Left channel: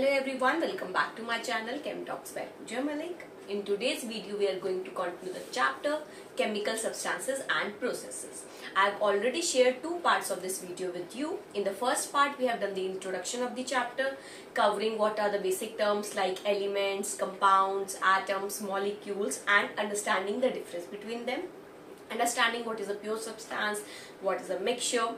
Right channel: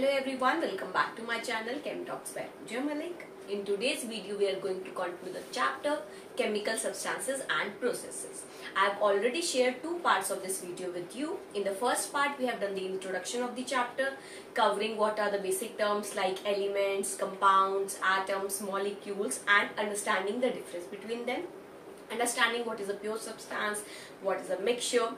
Hello everyone, welcome back to my channel Chem Talks by Pooja Malik. In today's video, we are going to continue the chapter Chemical Substances and Processes. I have already shared two parts of this video with you. In the first part, we have done the introduction of the chapter, covering what are the basic terms like elements, compounds, atoms, molecules, and understanding the difference between them. Understanding what is a pure substance, what is a mixture.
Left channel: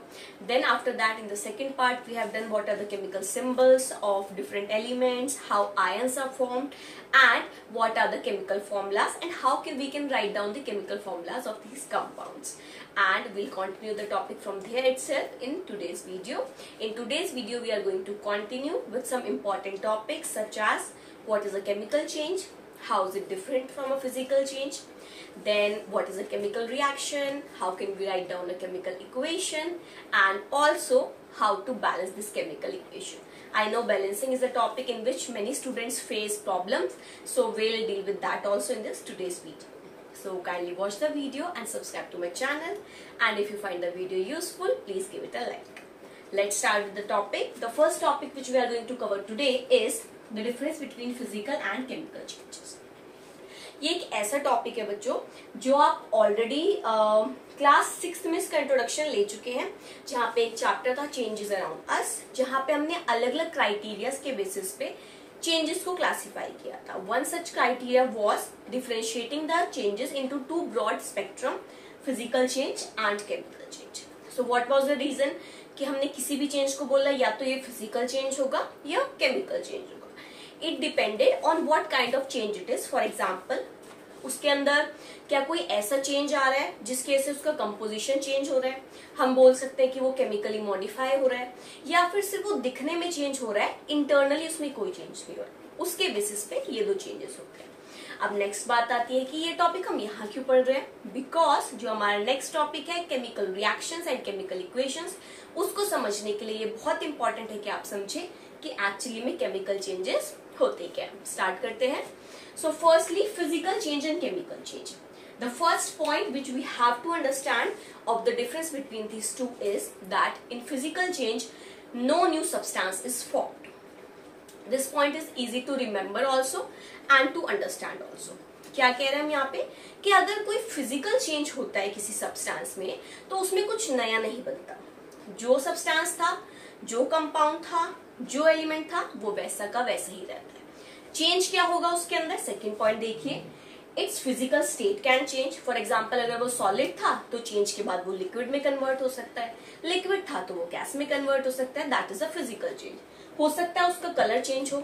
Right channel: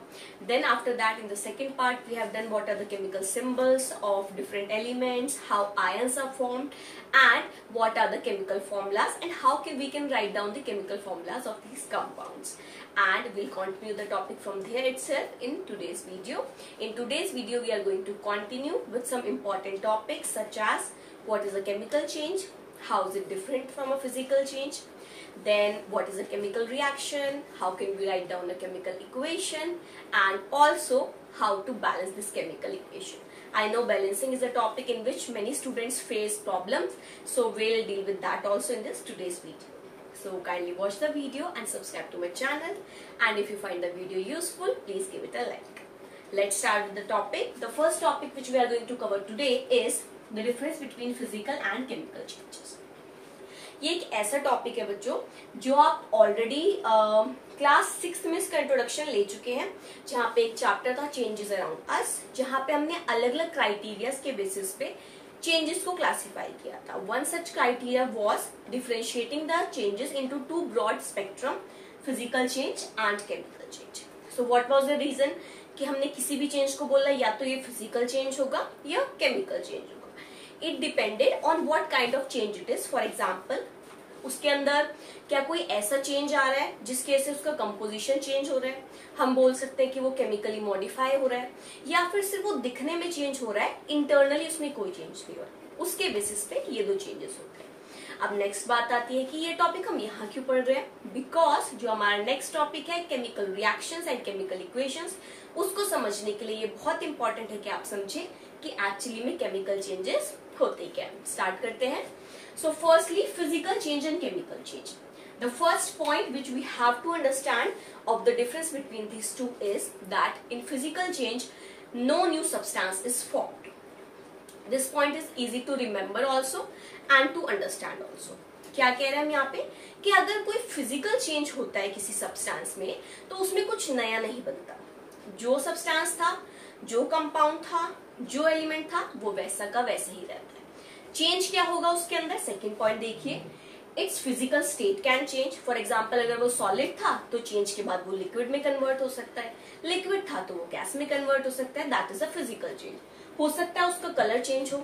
Then after that, in the second part, we have done what are the chemical symbols of different elements, how ions are formed, and what are the chemical formulas, and how we can write down the chemical formulas of these compounds. And we'll continue the topic from there itself in today's video. In today's video, we are going to continue with some important topics such as what is a chemical change, how is it different from a physical change, then what is a chemical reaction, how can we write down a chemical equation, and also how to balance this chemical equation. I know balancing is a topic in which many students face problems, so we'll deal with that also in this today's video. So kindly watch the video and subscribe to my channel, and if you find the video useful, please give it a like. Let's start with the topic. The first topic which we are going to cover today is the difference between physical and chemical changes. ये एक ऐसा topic है बच्चों जो आप already class 6 में इसका introduction ले चुके हैं, जहाँ पे एक चैप्टर था चेंजेस अराउंड अस, जहाँ पे हमने अलग अलग क्राइटेरियाज के बेसिस पे चेंजेस को क्लासिफाई किया था. One such criteria was differentiating the changes into two broad spectrum, physical change and chemical change. So what was the reason कि हमने किसी भी चेंज को बोला या तो ये फिजिकल चेंज होगा या केमिकल चेंज होगा. It depended on what kind of change it is. For example, उसके अंदर क्या कोई ऐसा चेंज आ रहा है जिसकी वजह से उसका कंपोजिशन चेंज हो रहा है, हम बोल सकते हैं कि वो केमिकली मॉडिफाई हो रहा है, या फिर सिर्फ वो दिखने में चेंज हो रहा है, इंटरनली उसमें कोई चेंज नहीं हो रहा है. उसके बेसिस पे ये दो चेंजेस होते हैं. अब नेक्स्ट बात आती है कि ये टॉपिक हम यहाँ क्यों पढ़ रहे हैं, बिकॉज जो हमारा नेक्स्ट टॉपिक है chemical reactions and chemical equations, उसको समझने के लिए ये बहुत इंपॉर्टेंट है कि आप समझे कि एक्चुअली में केमिकल चेंजेस होते क्या है. स्टार्ट करते हैं. So firstly, physical change and chemical change. The first point which we have to understand of the difference between these two is that in physical change, no new substance is formed. This point is easy to remember also and to understand also. क्या कह रहे हैं हम यहाँ पे कि अगर कोई physical change होता है किसी substance में, तो उसमें कुछ नया नहीं बनता. जो substance था, जो compound था, जो element था, वो वैसा का वैसा ही रहता है. चेंज क्या होगा उसके अंदर, सेकेंड पॉइंट देखिए, it's physical state can change. For example, अगर वो सॉलिड था तो चेंज के बाद वो लिक्विड में कन्वर्ट हो सकता है, लिक्विड था तो वो गैस में कन्वर्ट हो सकता है. That is a physical change. हो सकता है उसका कलर चेंज हो,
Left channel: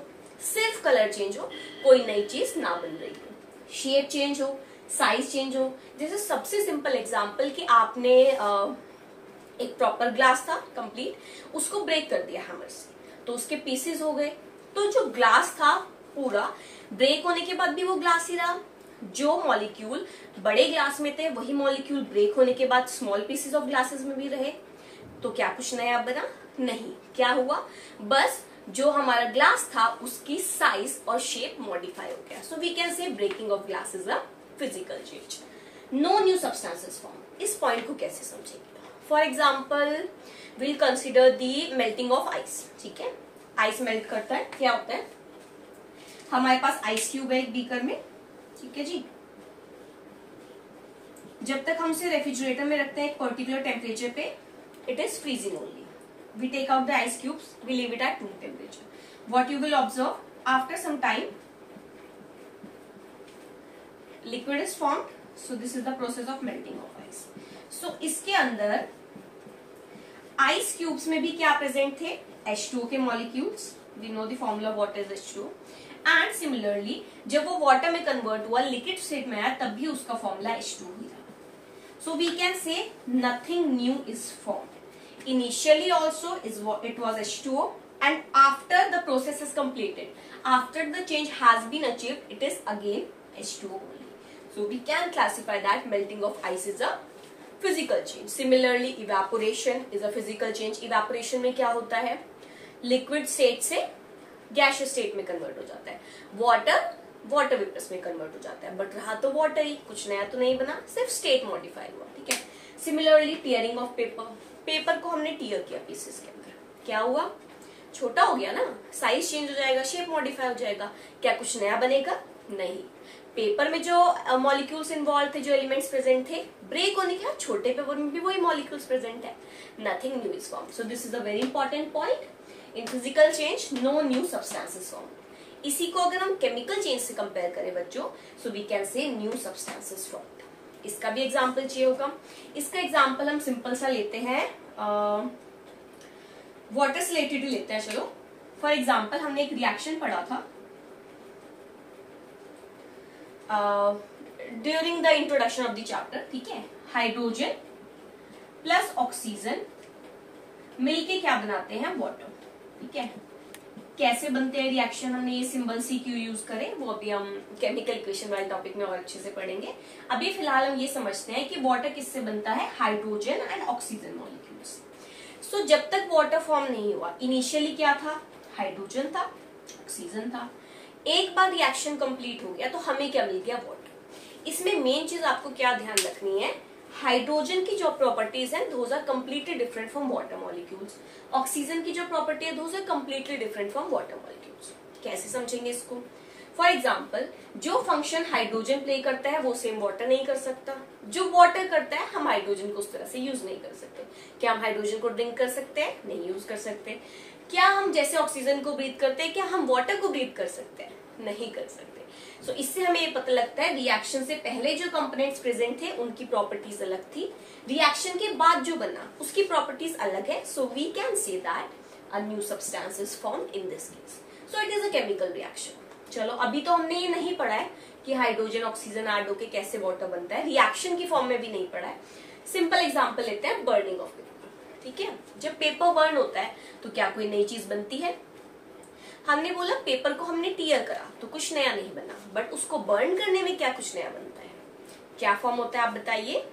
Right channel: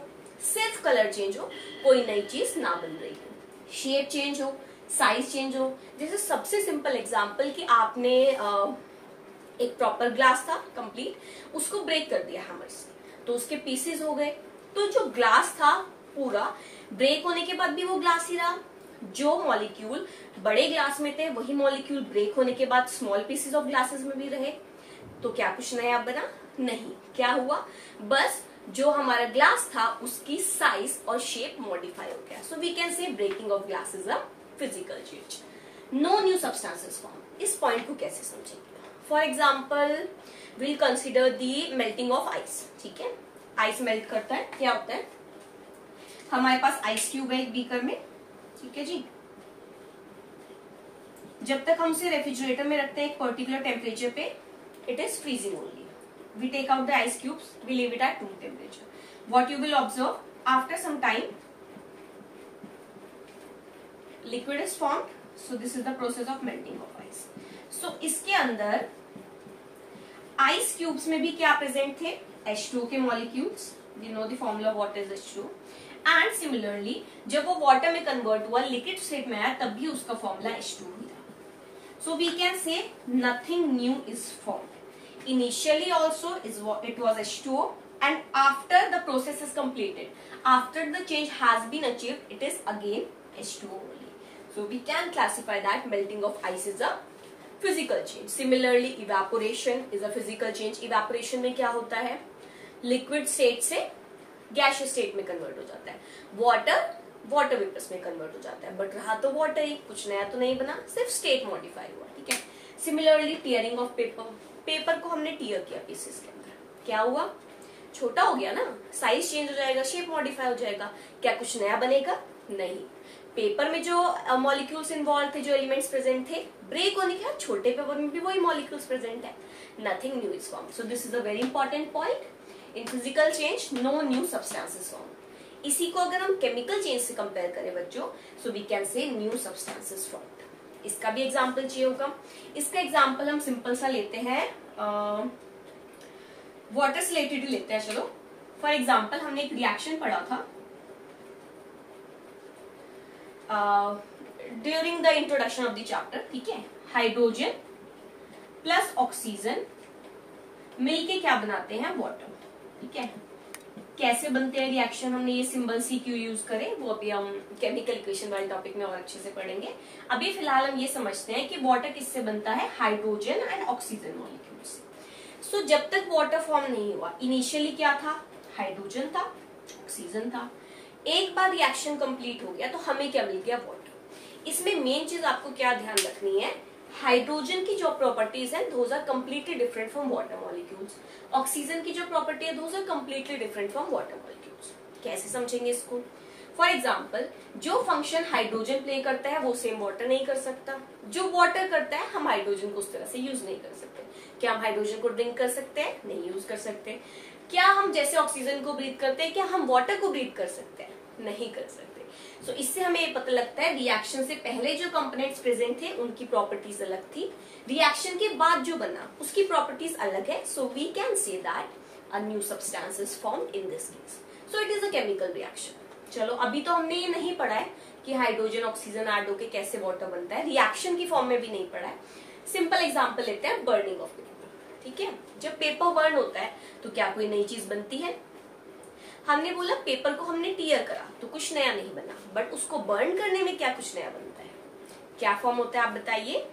सिर्फ कलर चेंज हो, कोई नई चीज ना बन रही हो, शेप चेंज हो, साइज चेंज हो. जैसे सबसे सिंपल एग्जाम्पल कि आपने एक प्रॉपर ग्लास था कंप्लीट, उसको ब्रेक कर दिया हैमर से, तो उसके पीसेस हो गए. तो जो ग्लास था पूरा ब्रेक होने के बाद भी वो ग्लास ही रहा. जो मॉलिक्यूल बड़े ग्लास में थे वही मॉलिक्यूल ब्रेक होने के बाद स्मॉल पीसेस ऑफ ग्लासेस में भी रहे. तो क्या कुछ नया बना? नहीं. क्या हुआ? बस जो हमारा ग्लास था उसकी साइज और शेप मॉडिफाई हो गया. So we can say breaking of glass is a physical change. No new substances form. इस पॉइंट को कैसे समझेंगे? For example, will consider the melting of ice. ठीक है, आइस मेल्ट करता है, क्या होता है, हमारे पास आइस क्यूब है एक बीकर में. ठीक है जी, जब तक हम उसे रेफ्रिजरेटर में रखते हैं एक पर्टिकुलर टेम्परेचर पे, it is freezing only. We take out the ice cubes, we leave it at room temperature. What you will observe, after some time liquid is formed. So this is the process of melting of ice. So इसके अंदर ice cubes में भी क्या present थे, H2O के molecules. We know the formula what is H2O. And similarly जब वो water में कन्वर्ट हुआ, लिक्विड स्टेट में आया, तब भी उसका फॉर्मूला H2O ही था. So we can say nothing new is formed. Initially also it was H2O, and after the process is completed, after the change has been achieved, it is again H2O only. So we can classify that melting of ice is a physical change. Similarly evaporation is a physical change. Evaporation में क्या होता है, liquid state से gaseous state में convert हो जाता है. Water vapours में कन्वर्ट हो जाता है, बट रहा तो वाटर ही, कुछ नया तो नहीं बना, सिर्फ स्टेट मॉडिफाई हुआ. ठीक है. Similarly tearing of paper. Paper को हमने टीयर किया पीसेस के अंदर, क्या हुआ, छोटा हो गया ना, साइज चेंज हो जाएगा, शेप मॉडिफाई हो जाएगा, क्या कुछ नया बनेगा? नहीं। पेपर में जो मॉलिक्यूल्स इन्वॉल्व थे, जो एलिमेंट्स प्रेजेंट थे, ब्रेक होने के बाद छोटे पेपर में भी वही मॉलिक्यूल्स प्रेजेंट है, nothing new is form. So this is a very important point. In physical change no new substances form. इसी को अगर हम केमिकल चेंज से कंपेयर करें बच्चों, so we can say new substances form. इसका भी एग्जाम्पल चाहिए होगा। इसका एग्जाम्पल हम सिंपल सा लेते हैं, वाटर से रिलेटेड लेते हैं। चलो फॉर एग्जाम्पल हमने एक रिएक्शन पढ़ा था during the introduction of the chapter, ठीक है। हाइड्रोजन प्लस ऑक्सीजन मिलके क्या बनाते हैं? वाटर, ठीक है। कैसे बनते हैं रिएक्शन, हमने ये सिंबल सी क्यों यूज करें, वो अभी हम केमिकल इक्वेशन वाले टॉपिक में और अच्छे से पढ़ेंगे। अभी फिलहाल हम ये समझते हैं कि वाटर किससे बनता है? हाइड्रोजन एंड ऑक्सीजन मॉलिक्यूल से। सो जब तक वाटर फॉर्म नहीं हुआ, इनिशियली क्या था? हाइड्रोजन था, ऑक्सीजन था। एक बार रिएक्शन कंप्लीट हो गया तो हमें क्या मिल गया? वाटर। इसमें मेन चीज आपको क्या ध्यान रखनी है, हाइड्रोजन की जो प्रॉपर्टीज हैं those are completely different from water molecules. Oxygen की जो प्रॉपर्टी है those are completely different from water molecules. कैसे समझेंगे इसको? फॉर एग्जाम्पल, जो फंक्शन हाइड्रोजन प्ले करता है वो सेम वाटर नहीं कर सकता। जो वाटर करता है हम हाइड्रोजन को उस तरह से यूज नहीं कर सकते। क्या हम हाइड्रोजन को ड्रिंक कर सकते हैं? नहीं यूज कर सकते। क्या हम जैसे ऑक्सीजन को ब्रीथ करते हैं, क्या हम वाटर को ब्रीथ कर सकते हैं? नहीं कर सकते। सो इससे हमें ये पता लगता है रिएक्शन से पहले जो कंपोनेंट्स प्रेजेंट थे उनकी प्रॉपर्टीज अलग थी, रिएक्शन के बाद जो बना उसकी प्रॉपर्टीज अलग है। So we can say that a new substance is formed in this case. So it is a chemical reaction. चलो अभी तो हमने ये नहीं पढ़ा है कि हाइड्रोजन ऑक्सीजन ऐड होकर कैसे वाटर बनता है, रिएक्शन की फॉर्म में भी नहीं पढ़ा है। सिंपल एग्जाम्पल लेते हैं, बर्निंग ऑफ पेपर, ठीक है। जब पेपर बर्न होता है तो क्या कोई नई चीज बनती है? हमने बोला पेपर को हमने टीयर करा तो कुछ नया नहीं बना, बट उसको बर्न करने में क्या कुछ नया बनता है? क्या फॉर्म होता है आप बताइए?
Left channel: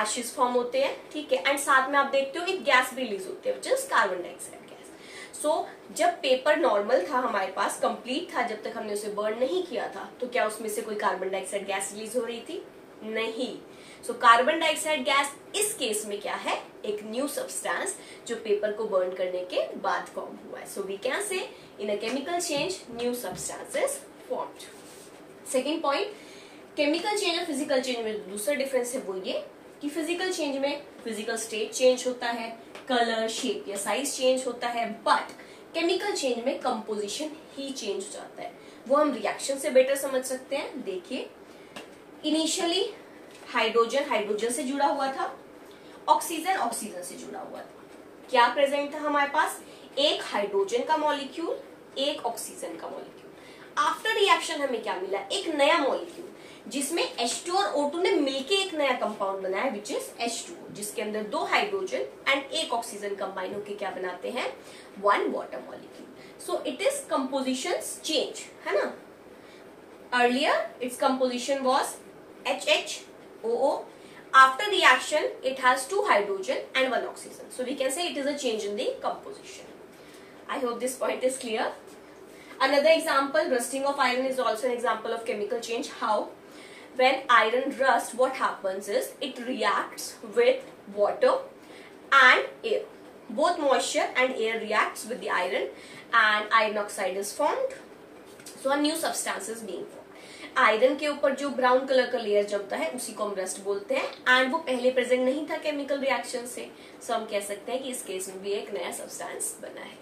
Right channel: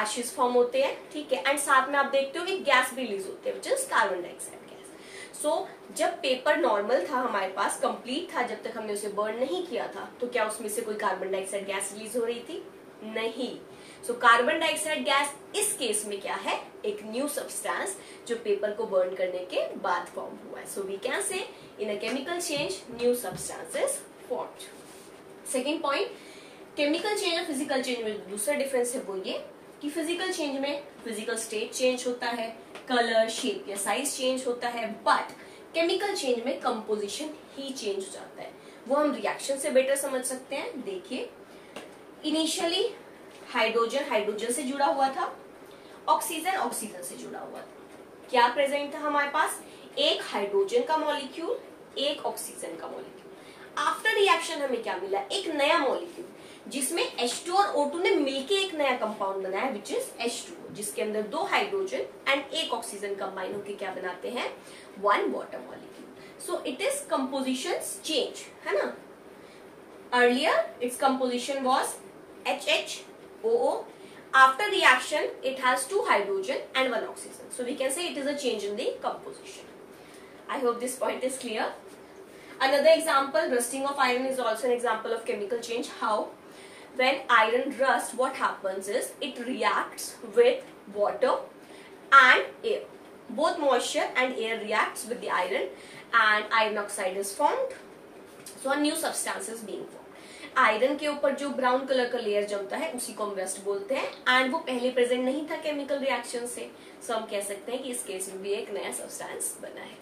एशेस फॉर्म होते हैं, ठीक है। एंड साथ में आप देखते हो एक गैस रिलीज होती है, which is carbon dioxide gas. So जब पेपर नॉर्मल था हमारे पास, कंप्लीट था, जब तक हमने उसे बर्न नहीं किया था, तो क्या उसमें से कोई कार्बन डाइऑक्साइड गैस रिलीज हो रही थी? नहीं। सो कार्बन डाइऑक्साइड गैस इस केस में क्या है? एक न्यू सब्सटेंस जो पेपर को बर्न करने के बाद फॉर्म हुआ है। So we can say in a chemical change new substances formed. Second point, chemical change और फिजिकल चेंज में दूसरा डिफरेंस है वो ये कि फिजिकल चेंज में फिजिकल स्टेट चेंज होता है, कलर, शेप या साइज चेंज होता है, बट केमिकल चेंज में कंपोजिशन ही चेंज हो जाता है। वो हम रिएक्शन से बेटर समझ सकते हैं। देखिए, इनिशियली हाइड्रोजन हाइड्रोजन से जुड़ा हुआ था, ऑक्सीजन ऑक्सीजन से जुड़ा हुआ था। क्या प्रेजेंट था हमारे पास? एक हाइड्रोजन का मॉलिक्यूल, एक ऑक्सीजन का मॉलिक्यूल। आफ्टर रिएक्शन हमें क्या मिला? एक नया मॉलिक्यूल जिसमें H2 और O2 ने मिलके एक नया कंपाउंड बनाया, विच इज H2O, जिसके अंदर दो हाइड्रोजन एंड एक ऑक्सीजन कंबाइन होकर क्या बनाते हैं? One water molecule. So it is composition change, है ना। Earlier its composition was HHOO. After reaction, it has two hydrogen and one oxygen. So we can say it is a change in the composition. I hope this point is clear. Another example, rusting of iron is also an example of chemical change. How? When iron rusts, what happens is it reacts with water and air. Both moisture and air reacts with the iron and iron oxide is formed. So a new substance is being formed. Iron के ऊपर जो brown colour का layer जमता है उसी को हम rust बोलते हैं, एंड वो पहले प्रेजेंट नहीं था केमिकल रिएक्शन से। सो हम कह सकते हैं कि इस केस में भी एक नया सब्सटेंस बना है।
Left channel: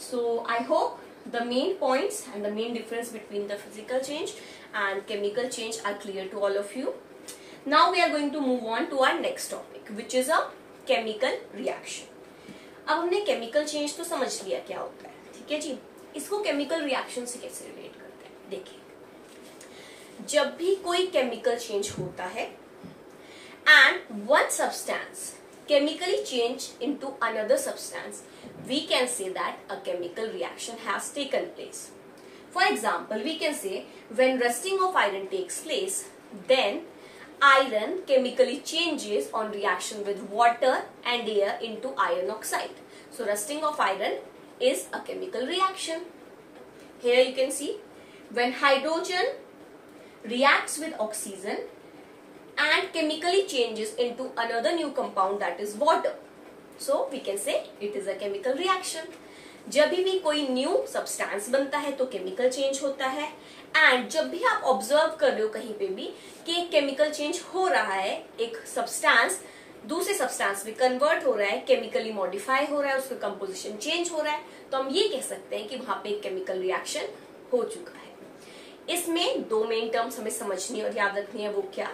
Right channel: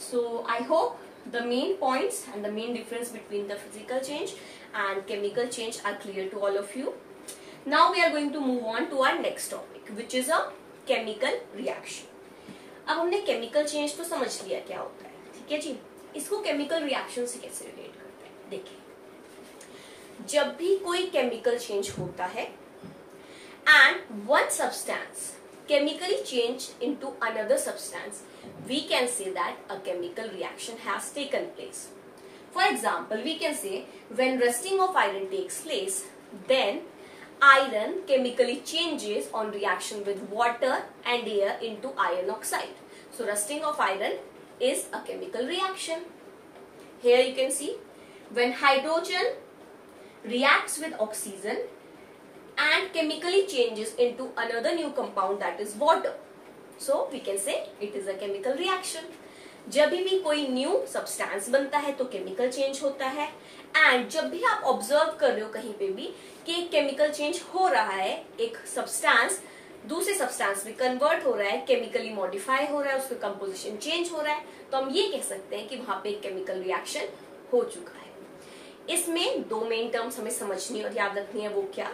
So I hope the main points and the main difference between the physical change and chemical change are clear to all of you. Now we are going to move on to our next topic, which is a chemical reaction. अब हमने chemical change तो समझ लिया क्या होता है, ठीक है जी। इसको केमिकल रिएक्शन से कैसे रिलेट करते हैं? देखिए, जब भी कोई केमिकल चेंज होता है and one substance chemically change into another substance, we can say that a chemical reaction has taken place. For example, we can say when rusting of iron takes place, then iron chemically changes on reaction with water and air into iron oxide. So rusting of iron is a chemical reaction. Here you can see when hydrogen reacts with oxygen and chemically changes into another new compound, that is water. So we can say it is a chemical reaction. जब भी कोई new substance बनता है तो chemical change होता है, and जब भी आप ऑब्जर्व कर रहे हो कहीं पे भी कि एक केमिकल चेंज हो रहा है, एक सब्सटेंस दूसरे सब्सटेंस में कन्वर्ट हो रहा है, केमिकली मॉडिफाई हो रहा है, उसका कंपोजिशन चेंज हो रहा है, तो हम ये कह सकते हैं कि वहां पे एक केमिकल रिएक्शन हो चुका है। इसमें दो मेन टर्म्स हमें समझनी और याद रखनी है, वो क्या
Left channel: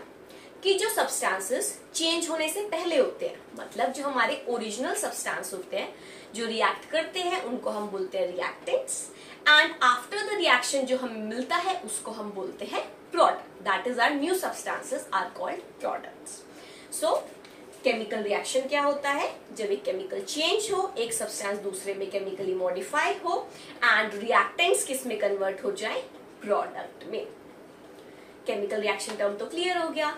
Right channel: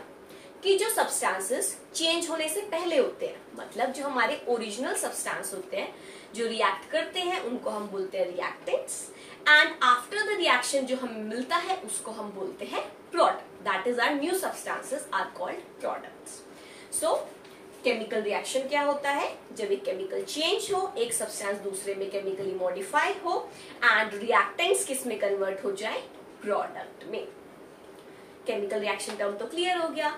कि जो सब्सटेंसेस चेंज होने से पहले होते हैं, मतलब जो हमारे ओरिजिनल सब्सटेंस होते हैं जो रिएक्ट करते हैं उनको हम बोलते हैं reactants, and after the reaction जो हमें मिलता है उसको हम बोलते हैं product. That is our new substances are called products. So chemical reaction क्या होता है? जब एक केमिकल चेंज हो, एक सब्सटेंस दूसरे में केमिकली मॉडिफाई हो एंड रिएक्टेंट्स किस में कन्वर्ट हो जाए? प्रोडक्ट में। केमिकल रिएक्शन टर्म तो क्लियर हो गया।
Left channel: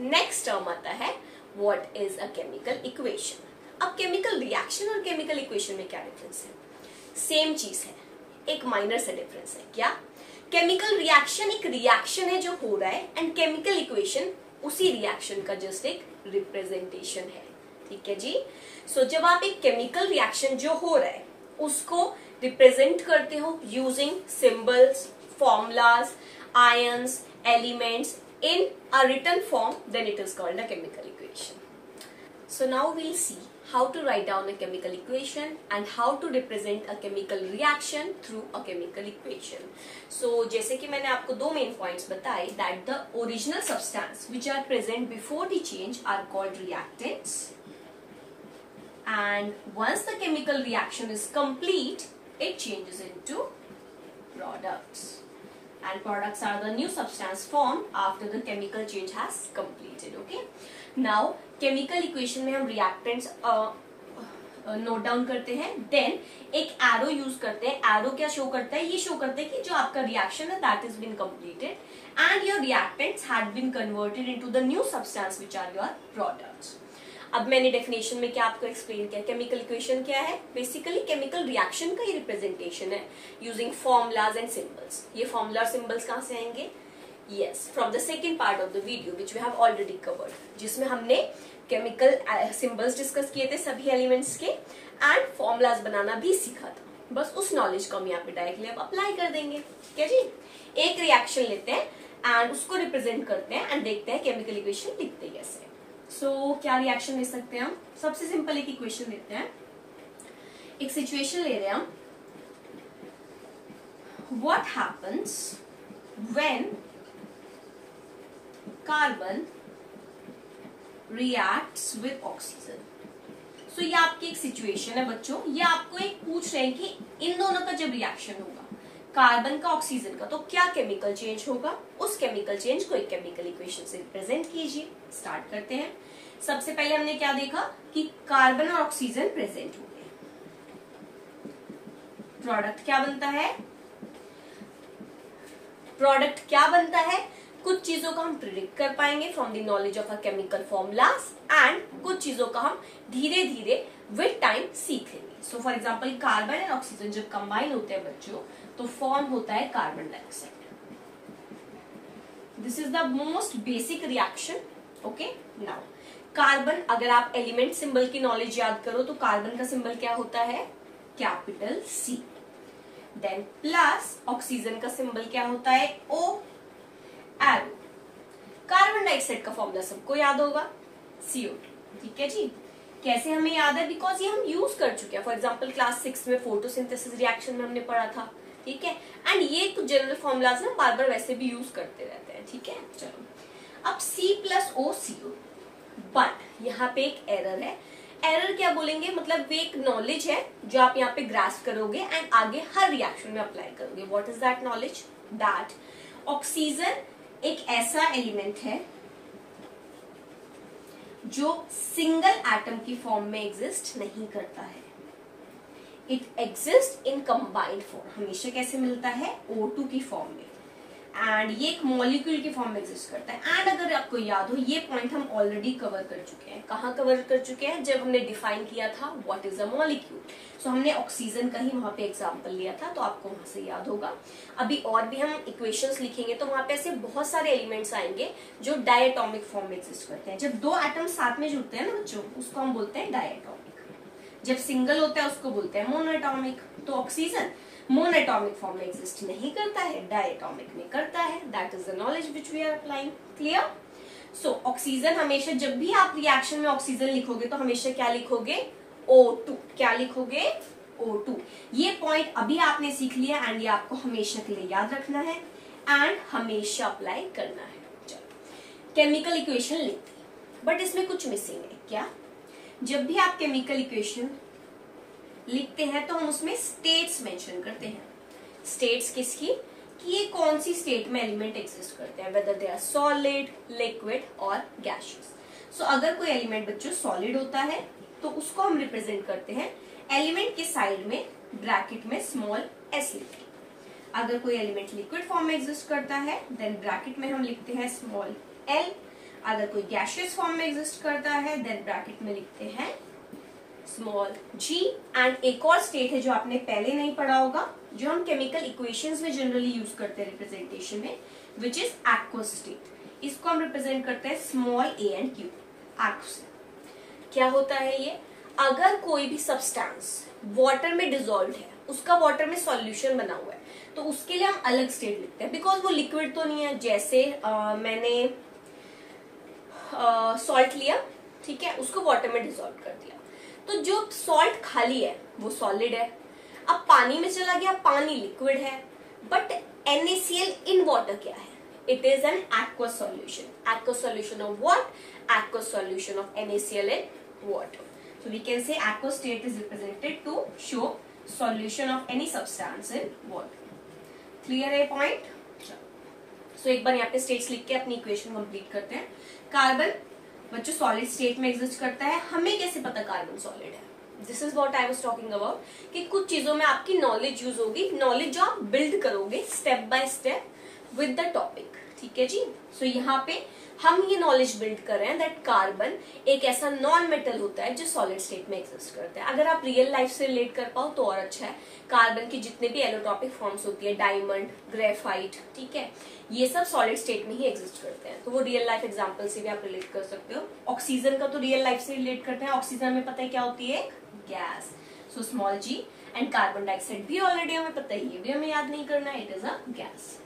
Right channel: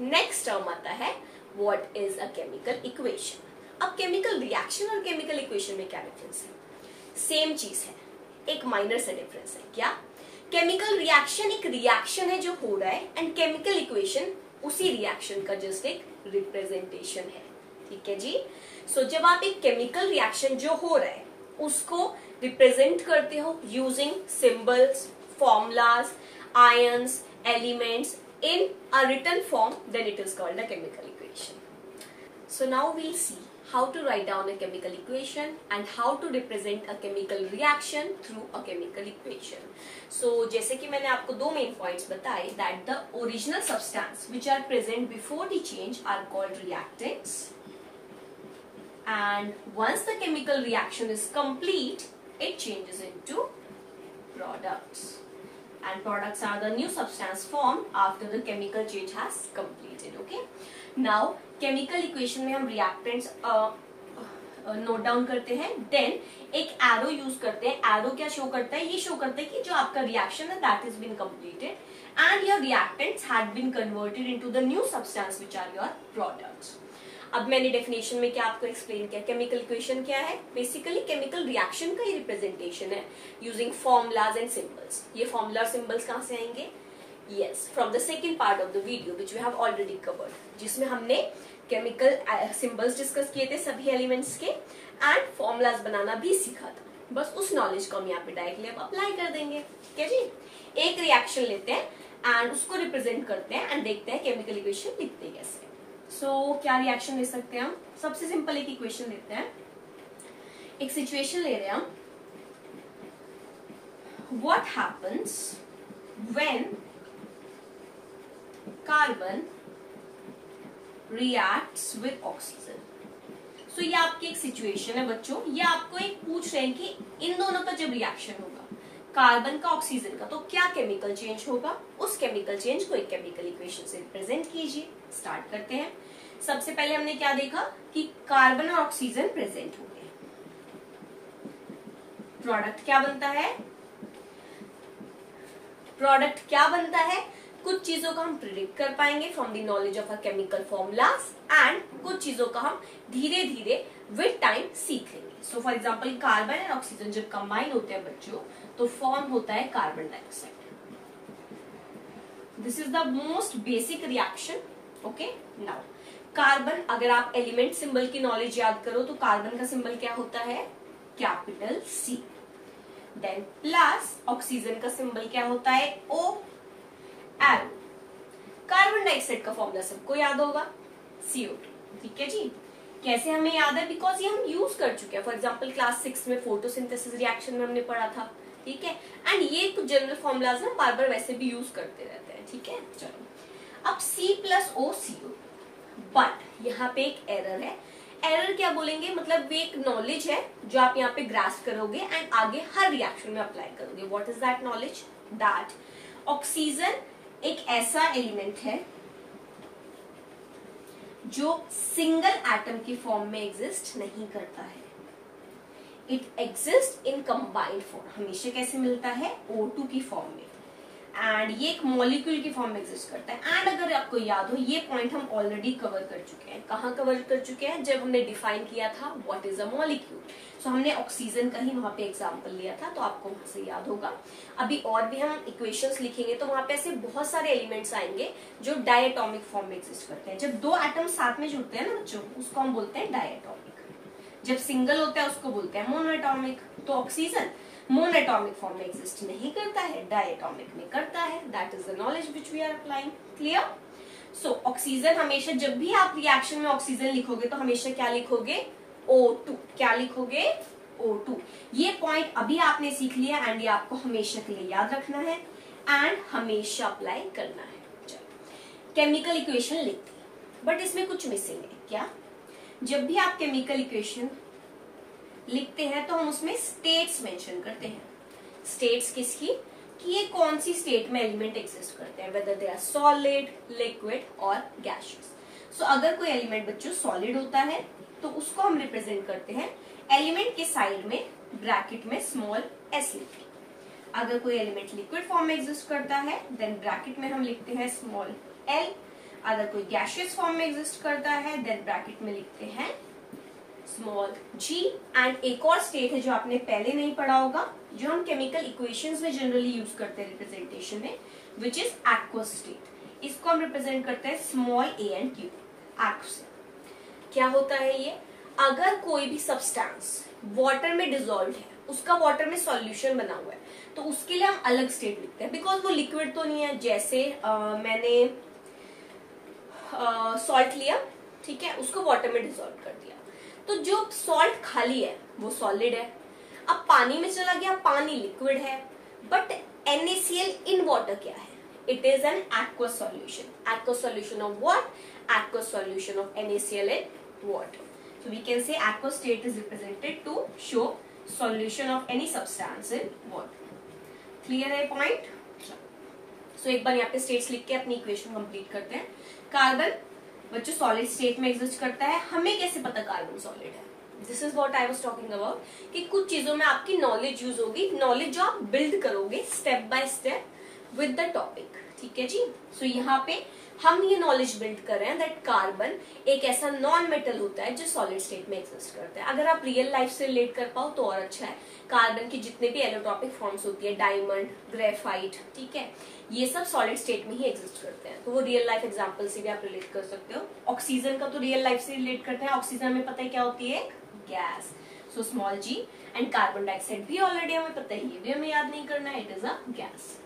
नेक्स्ट टर्म आता है what is a chemical equation. अब केमिकल रिएक्शन और केमिकल इक्वेशन में क्या डिफरेंस है? सेम चीज है, एक माइनर सा डिफरेंस है। क्या? केमिकल रिएक्शन एक रिएक्शन है जो हो रहा है, एंड केमिकल इक्वेशन उसी रिएक्शन का जस्ट एक रिप्रेजेंटेशन है। ठीक है जी। सो जब आप एक केमिकल रिएक्शन जो हो रहा है उसको रिप्रेजेंट करते हो using symbols, formulas, ions, elements in a written form, then it is called a chemical equation. So now we'll see how to write down a chemical equation and how to represent a chemical reaction through a chemical equation. So जैसे कि मैंने आपको दो main points बताए, that the original substance which are present before the change are called reactants, and once the chemical reaction is complete, it changes into products. And products are the new substance formed after the chemical change has completed. Okay. Now chemical equation में हम reactants note down करते हैं, then एक arrow use करते हैं। Arrow क्या show करता है? ये शो करता है कि जो आपका रिएक्शन है that is been completed and your reactants had been converted into the new substance which are your products. अब मैंने डेफिनेशन में क्या आपको एक्सप्लेन किया, केमिकल इक्वेशन क्या है? बेसिकली केमिकल रिएक्शन का ही रिप्रेजेंटेशन है यूजिंग फॉर्मुलाज एंड सिंबल्स। ये फॉर्मुला और सिंबल्स कहां से आएंगे? Yes, from the second part of the video which we have already covered, जिसमें हमने केमिकल सिंबल्स डिस्कस किए थे सभी एलिमेंट्स के एंड फॉर्मुलाज बनाना भी सीखा था। बस उस नॉलेज को हम यहाँ पे डायरेक्टली अब अप्लाई कर देंगे। क्या जी? एक रिएक्शन लेते हैं एंड उसको रिप्रेजेंट करते हैं एंड देखते हैं केमिकल इक्वेशन लिखते कैसे। सो क्या रिएक्शन ले सकते हैं हम? सबसे सिंपल एक इक्वेशन लेते हैं, एक सिचुएशन ले रहे हैं हम। What happens when carbon reacts with oxygen. So ये आपकी एक सिचुएशन है बच्चों, ये आपको एक पूछ रहे हैं कि इन दोनों का जब रिएक्शन होगा, कार्बन का ऑक्सीजन का, तो क्या केमिकल चेंज होगा? उस केमिकल चेंज को एक केमिकल इक्वेशन से रिप्रेजेंट कीजिए। स्टार्ट करते हैं। सबसे पहले हमने क्या देखा कि कार्बन और ऑक्सीजन प्रेजेंट हो गए, प्रोडक्ट क्या बनता है? प्रोडक्ट क्या बनता है? कुछ चीजों का हम प्रिडिक्ट कर पाएंगे from the knowledge of a chemical formulas and कुछ चीजों का हम धीरे धीरे विद टाइम सीख लेंगे। So for example carbon and oxygen जब कंबाइन होते हैं बच्चों तो फॉर्म होता है carbon dioxide. This is the most basic reaction. Okay, now carbon, अगर आप एलिमेंट सिंबल की नॉलेज याद करो तो कार्बन का सिंबल क्या होता है? Capital C. Then plus oxygen का सिंबल क्या होता है? O, arrow. कार्बन डाइऑक्साइड का फॉर्मूला सबको याद होगा, CO2। ठीक है जी। कैसे हमें याद है? बिकॉज ये हम यूज कर चुके हैं। फॉर एग्जाम्पल क्लास 6 में फोटोसिंथेसिस रिएक्शन में हमने पढ़ा था। ठीक है, एंड ये कुछ जनरल फॉर्मूलाज ना बार बार वैसे भी यूज करते रहते हैं। ठीक है, चलो अब C+O CO, बट यहाँ पे एक एरर है। एरर क्या बोलेंगे? मतलब वे एक नॉलेज है जो आप यहाँ पे ग्रास्प करोगे एंड आगे हर रिएक्शन में अप्लाई करोगे। What is that knowledge? That oxygen एक ऐसा एलिमेंट है जो सिंगल एटम की फॉर्म में एग्जिस्ट नहीं करता है। It exist in combined form. हमेशा कैसे मिलता है? O2 की फॉर्म में, एंड ये एक मॉलिक्यूल की फॉर्म में एग्जिस्ट करता है। एंड अगर आपको याद हो, ये पॉइंट हम ऑलरेडी कवर कर चुके हैं। कहाँ कवर कर चुके हैं? जब हमने डिफाइन किया था व्हाट इज अ मॉलिक्यूल। सो हमने ऑक्सीजन का ही वहां पे एग्जांपल लिया था, तो आपको वहां से याद होगा। अभी और भी हम इक्वेशंस लिखेंगे तो वहां पे ऐसे बहुत सारे एलिमेंट्स आएंगे जो डायटोमिक फॉर्म में एग्जिस्ट करते हैं। जब दो एटम साथ में जुड़ते हैं ना बच्चों, उसको हम बोलते हैं डायटोमिक। जब सिंगल होता है उसको बोलते हैं मोनोएटॉमिक। तो ऑक्सीजन मोनोएटॉमिक फॉर्म में एग्जिस्ट नहीं करता है, डायटॉमिक में करता है। That is the knowledge which we are applying. Clear? So oxygen हमेशा, जब भी आप रिएक्शन में ऑक्सीजन लिखोगे तो हमेशा क्या लिखोगे? O2। क्या लिखोगे? O2। ये पॉइंट अभी आपने सीख लिया एंड ये आपको हमेशा के लिए याद रखना है एंड हमेशा अप्लाई करना है। केमिकल इक्वेशन लिखते हैं, बट इसमें कुछ मिसिंग है। क्या? जब भी आप केमिकल इक्वेशन लिखते हैं तो हम उसमें स्टेट्स मेंशन करते हैं। स्टेट्स किसकी? कि ये कौन सी स्टेट में एलिमेंट एग्जिस्ट करते हैं, whether they are solid, liquid और गैसियस। सो अगर कोई एलिमेंट बच्चों सॉलिड होता है तो उसको हम रिप्रेजेंट करते हैं एलिमेंट के साइड में ब्रैकेट में स्मॉल s लिखते हैं। अगर कोई एलिमेंट लिक्विड फॉर्म में एग्जिस्ट करता है देन ब्रैकेट में हम लिखते हैं स्मॉल l। अगर कोई गैसियस फॉर्म में एग्जिस्ट करता है देन ब्रैकेट में लिखते हैं स्मॉल g। एंड एक और स्टेट है जो आपने पहले नहीं पढ़ा होगा, जो हम केमिकल इक्वेशंस में जनरली यूज करते हैं रिप्रेजेंटेशन में, विच इज एक्वस स्टेट। इसको हम रिप्रेजेंट करते हैं small a and q। Aqueous क्या होता है ये? अगर कोई भी सब्सटेंस वाटर में डिसॉल्व है, उसका वाटर में सॉल्यूशन बना हुआ है, तो उसके लिए हम अलग स्टेट लिखते हैं, बिकॉज वो लिक्विड तो नहीं है। जैसे मैंने सॉल्ट लिया, ठीक है, उसको वाटर में डिसॉल्व कर दिया, तो जो सॉल्ट खाली है वो सॉलिड है। अब पानी में चला गया, पानी लिक्विड है, बट NaCl इन वाटर क्या है? It is an aqueous solution। aqueous solution of what? aqueous solution of NaCl in water। So we can say aqueous state is represented to show solution of any substance in water। Clear है point? So एक बार यहाँ पे states लिख के अपनी equation complete करते हैं। Carbon बच्चों सॉलिड स्टेट में एग्जिस्ट करता है। हमें कैसे पता कार्बन सॉलिड है? This is what I was talking about, कि कुछ चीजों में आपकी नॉलेज यूज होगी, नॉलेज जो आप बिल्ड करोगे step by step with the topic. ठीक है जी। सो यहाँ पे हम ये नॉलेज बिल्ड कर रहे हैं दैट कार्बन एक ऐसा नॉन मेटल होता है जो सॉलिड स्टेट में एग्जिस्ट करता है। अगर आप रियल लाइफ से रिलेट कर पाओ तो और अच्छा है। कार्बन की जितने भी एलोट्रॉपिक फॉर्म्स होती है, डायमंड, ग्रेफाइट, ठीक है, ये सब सॉलिड स्टेट में ही एग्जिस्ट करते हैं। तो वो रियल लाइफ एग्जांपल से भी आप रिलेट कर सकते हो। ऑक्सीजन का तो रियल लाइफ से रिलेट करते हैं। ऑक्सीजन में पता है क्या होती है? Gas. So small g। And carbon dioxide भी ऑलरेडी हमें पता है, ये भी हमें याद नहीं करना है, it is a gas.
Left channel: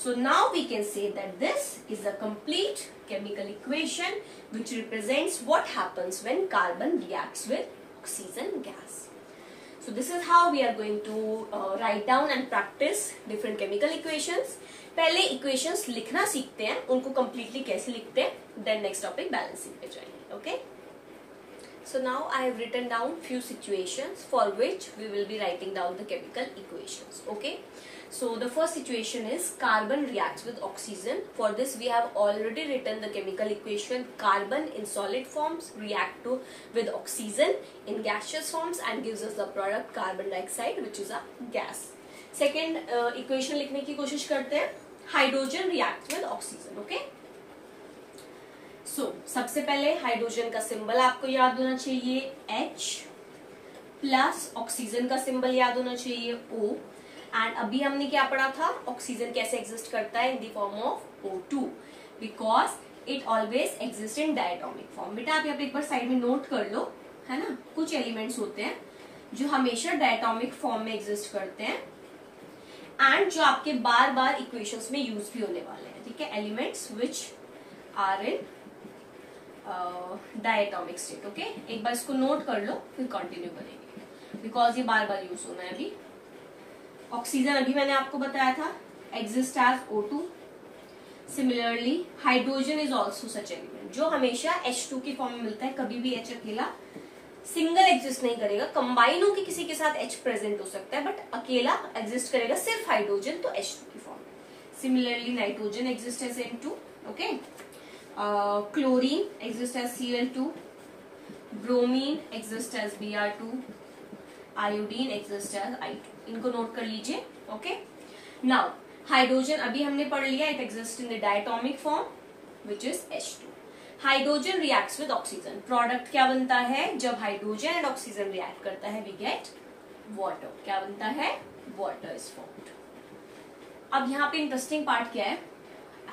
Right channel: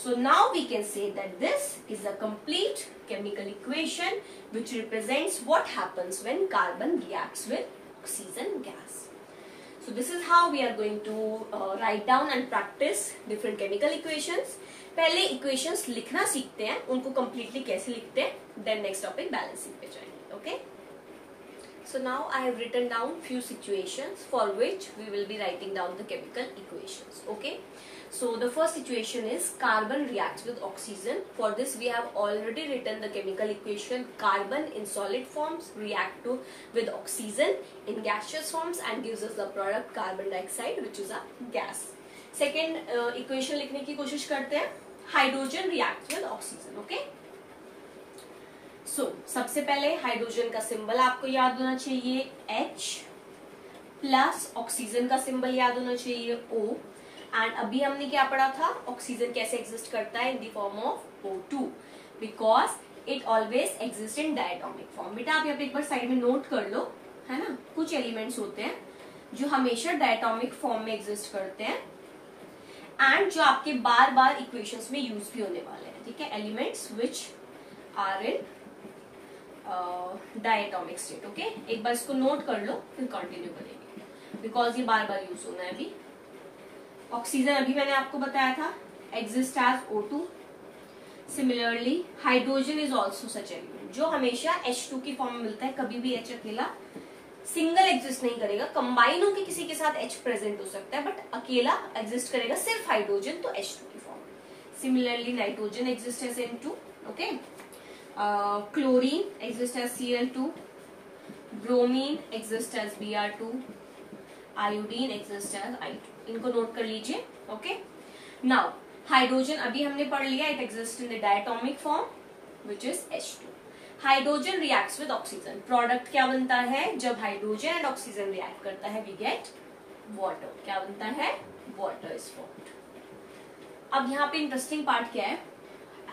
So now we can say that this is a complete chemical equation which represents what happens when carbon reacts with oxygen gas. So this is how we are going to write down and practice different chemical equations. पहले equations लिखना सीखते हैं, उनको completely कैसे लिखते हैं, then next topic balancing पे जाएंगे, okay? So now I have written down few situations for which we will be writing down the chemical equations, okay? So the first situation is carbon reacts with oxygen. For this we have already written the chemical equation. Carbon in solid forms react with oxygen in gaseous forms and gives us the product carbon dioxide which is a gas. Second equation लिखने की कोशिश करते हैं। Hydrogen reacts with oxygen, okay? So सबसे पहले hydrogen का symbol आपको याद होना चाहिए H, प्लस ऑक्सीजन का सिंबल याद होना चाहिए O। एंड अभी हमने क्या पढ़ा था? ऑक्सीजन कैसे एग्जिस्ट करता है? In the form of O2 because it always exist in diatomic form. बेटा आप यहाँ पे एक बार साइड में नोट कर लो, है ना, कुछ एलिमेंट्स होते हैं जो हमेशा डायटोमिक फॉर्म में एग्जिस्ट करते हैं एंड जो आपके बार बार इक्वेशंस में यूज भी होने वाले हैं। ठीक है, elements which are in diatomic state. Okay, एक बार इसको नोट कर लो फिर कंटिन्यू करेंगे बिकॉज ये बार बार यूज होना है। अभी ऑक्सीजन अभी मैंने आपको बताया था exist as O2। Similarly hydrogen is also such element जो हमेशा H2 की फॉर्म में मिलता है। कभी भी H अकेला सिंगल एग्जिस्ट नहीं करेगा, कंबाइन होकर किसी के साथ H प्रेजेंट हो सकता है बट अकेला एग्जिस्ट करेगा सिर्फ हाइड्रोजन, तो H2 की फॉर्म में। Similarly nitrogen exist as N2, okay, chlorine exist as Cl2, bromine exist as Br2, iodine exist as I2। इनको नोट कर लीजिए। ओके, नाउ हाइड्रोजन अभी हमने पढ़ लिया, it exist in the diatomic form which is H2। Hydrogen reacts with oxygen, product क्या बनता है? जब हाइड्रोजन एंड ऑक्सीजन रिएक्ट करता है वी गेट वाटर। क्या बनता है? Water is formed. अब यहाँ पे इंटरेस्टिंग पार्ट क्या है?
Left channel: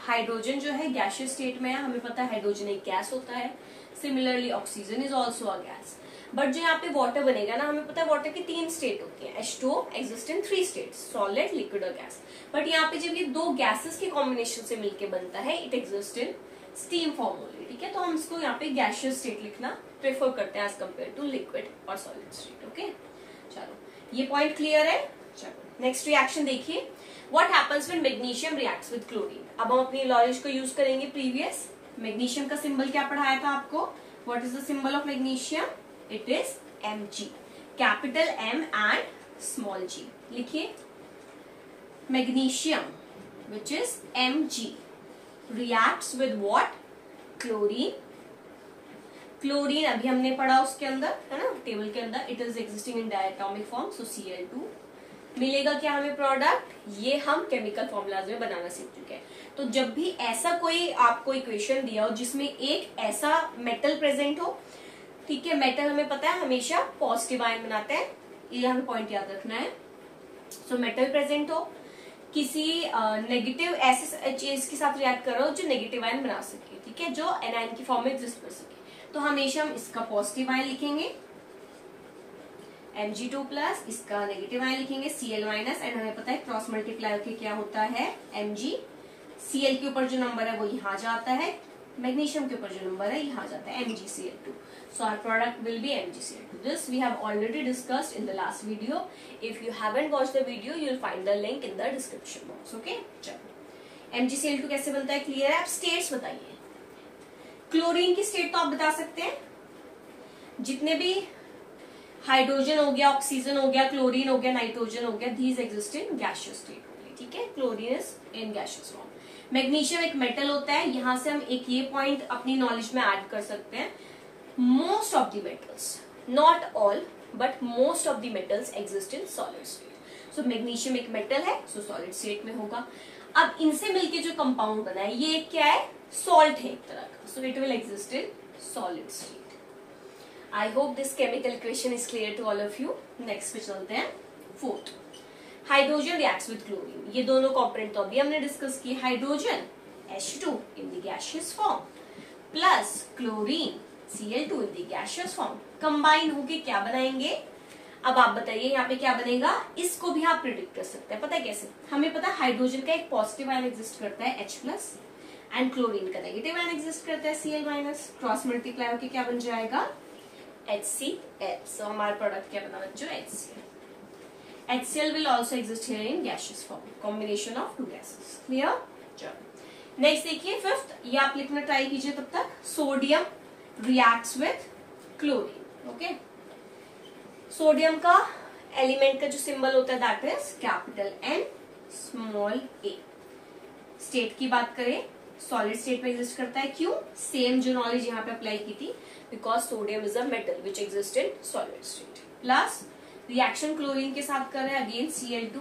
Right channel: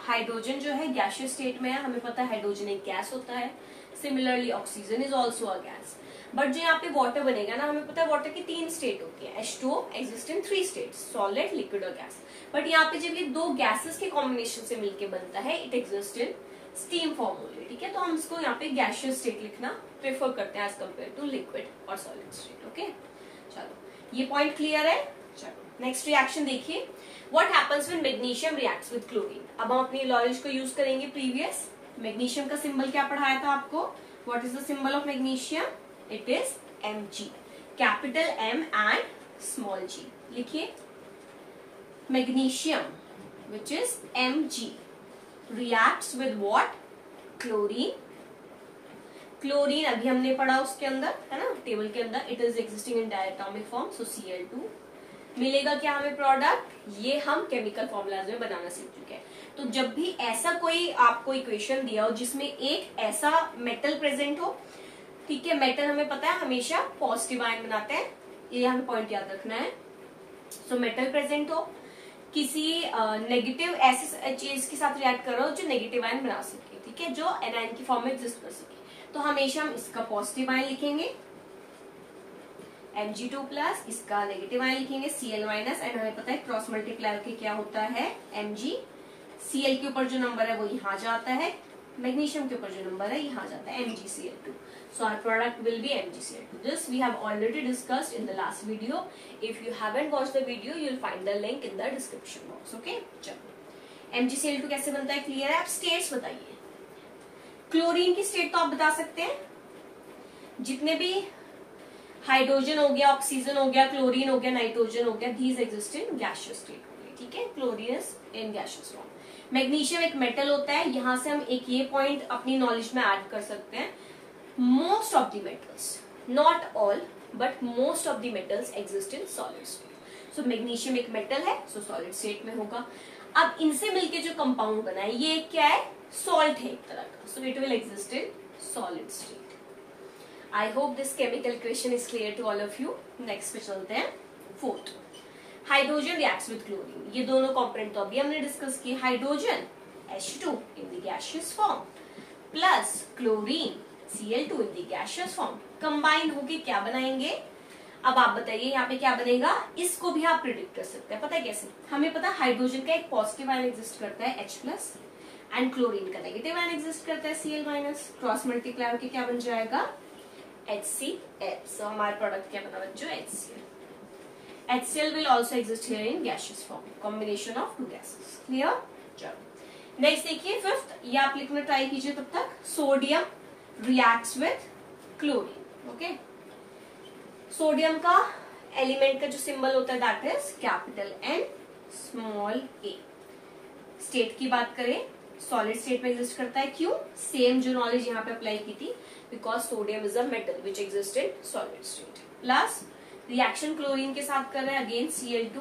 हाइड्रोजन जो है गैसियस स्टेट में है, हमें पता है हाइड्रोजन एक गैस होता है। Similarly oxygen is also a gas. But जो यहाँ पे वाटर बनेगा ना, हमें पता है वाटर की 3 स्टेट होती है, H2O exist in 3 states, solid, liquid और गैस। बट यहाँ पे जब ये 2 गैसेस के कॉम्बिनेशन से मिलके बनता है, it exist in steam form only, ठीक है। तो हम इसको यहाँ पे गैसियस स्टेट लिखना प्रेफर करते हैं एज कम्पेयर टू लिक्विड और सॉलिड स्टेट। ओके, चलो ये पॉइंट क्लियर है। चलो नेक्स्ट रिएक्शन देखिए, what happens when magnesium reacts with chlorine. अब हम अपनी नॉलेज को यूज करेंगे प्रीवियस। मैग्नीशियम का सिंबल क्या पढ़ाया था आपको, what is the symbol of magnesium, it is Mg, capital M and small g। लिखिए magnesium which is Mg reacts with what, chlorine. Chlorine अभी हमने पढ़ा उसके अंदर, है ना, टेबल के अंदर, it is existing in diatomic form, so Cl2। मिलेगा क्या हमें प्रोडक्ट, ये हम केमिकल फॉर्मूलाज में बनाना सीख चुके हैं। तो जब भी ऐसा कोई आपको इक्वेशन दिया हो जिसमें एक ऐसा मेटल प्रेजेंट हो, ठीक है, मेटल हमें पता है हमेशा पॉजिटिव आयन बनाते हैं, ये हमें पॉइंट याद रखना है। सो मेटल प्रेजेंट हो, किसी नेगेटिव ऐसे चीज के साथ रिएक्ट कर रहा हो जो नेगेटिव आयन बना सके, ठीक है, जो एनायन की फॉर्म में एग्जिस्ट कर सके, तो हमेशा हम इसका पॉजिटिव आयन लिखेंगे Mg2+, इसका नेगेटिव आयन लिखेंगे Cl-, एंड हमें पता है क्रॉस मल्टीप्लाई होकर क्या होता है Mg। Cl के ऊपर जो नंबर है वो यहाँ जाता है, मैग्नीशियम के ऊपर जो नंबर है यहाँ जाता है MgCl2। So our product will be MgCl2. This we have already discussed in the last video. If you haven't watched the video, you'll find the link in the description box. Okay? चलो MgCl2 कैसे बनता है clear है। आप states बताइए। Chlorine की state तो आप बता सकते हैं, जितने भी हाइड्रोजन हो गया, ऑक्सीजन हो गया, क्लोरीन हो गया, नाइट्रोजन हो गया, these exist in gaseous state only, ठीक है। Chlorine is in gaseous form। Magnesium एक मेटल होता है, यहां से हम एक ये पॉइंट अपनी नॉलेज में ऐड कर सकते हैं, most of the metals, not all but most of the metals exist in solid state. So magnesium एक मेटल है, so solid state में होगा। अब इनसे मिलके जो कंपाउंड बना है ये क्या है, सॉल्ट है एक तरह का, so it will exist in solid state. I hope this chemical equation is clear to all of you. Next पे चलते हैं, fourth, hydrogen reacts with chlorine. ये दोनों कॉम्पोनेंट तो अभी हमने डिस्कस किए, hydrogen H2 in the gaseous form plus chlorine Cl2 in the gaseous form, combine होके क्या बनाएंगे। अब आप बताइए यहाँ पे क्या बनेगा, इसको भी आप प्रिडिक्ट कर सकते हैं। पता है कैसे, हमें पता है हाइड्रोजन का एक पॉजिटिव आयन एग्जिस्ट करता है H+, एंड क्लोरीन का नेगेटिव आयन एग्जिस्ट करता है Cl-, क्रॉस मल्टीप्लाई होके क्या बन जाएगा HCl। सो हमारा प्रोडक्ट क्या बना बच्चों, HCl। HCl will also exist here in gaseous form, combination of two gases. Clear? चलो नेक्स्ट देखिए फिफ्थ, ये आप लिखना ट्राई कीजिए तब तक, sodium reacts with chlorine. Okay, sodium का एलिमेंट का जो सिंबल होता है that is capital N small a। State की बात करें, सॉलिड स्टेट में एग्जिस्ट करता है, क्यों, सेम जो नॉलेज यहाँ पे अप्लाई की थी, because sodium is a metal which exist in solid state. Plus reaction chlorine के साथ कर रहे हैं, अगेन Cl2,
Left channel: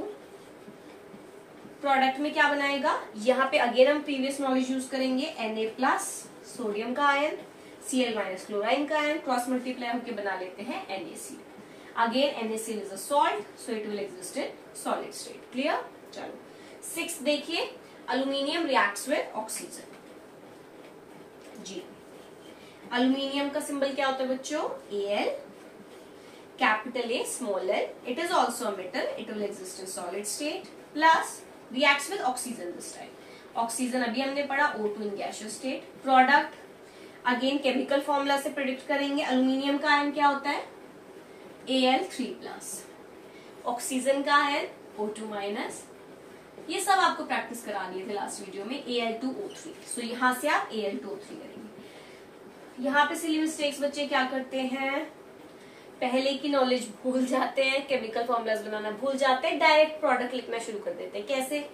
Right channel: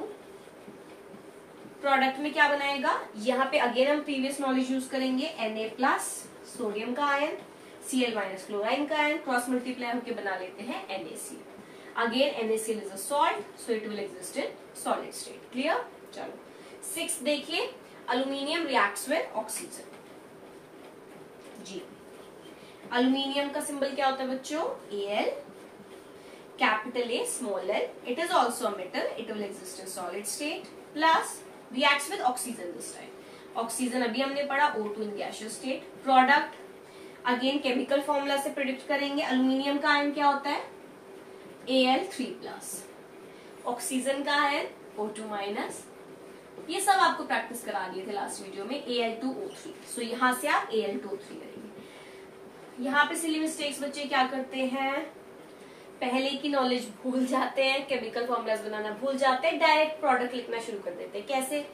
प्रोडक्ट में क्या बनाएगा, यहाँ पे अगेन हम प्रीवियस नॉलेज यूज करेंगे, Na+, सोडियम का आयन, Cl- क्लोराइन का आयन, क्रॉस मल्टीप्लाई होकर बना लेते हैं NaCl। Again NaCl is a salt, so it will exist in solid state. Clear? चलो सिक्स देखिए, अल्यूमिनियम रिएक्ट्स विद ऑक्सीजन। जी, अल्यूमिनियम का सिंबल क्या होता है बच्चों, Al, capital A small l, it is also a metal, it will exist in solid state, plus reacts with oxygen this time. Oxygen अभी हमने पढ़ा O2 in gaseous state. Product again chemical formula से predict करेंगे, aluminium का ion क्या होता है Al3+, oxygen का आयन O2-, ये सब आपको प्रैक्टिस करा दिए थे लास्ट वीडियो में, Al2O3। सो यहां से आप Al2O3 करेंगे। यहाँ पे सिली मिस्टेक्स बच्चे क्या करते हैं, पहले की नॉलेज भूल जाते हैं, केमिकल फॉर्मूलाज बनाना भूल जाते हैं, डायरेक्ट प्रोडक्ट लिखना शुरू कर देते हैं। कैसे,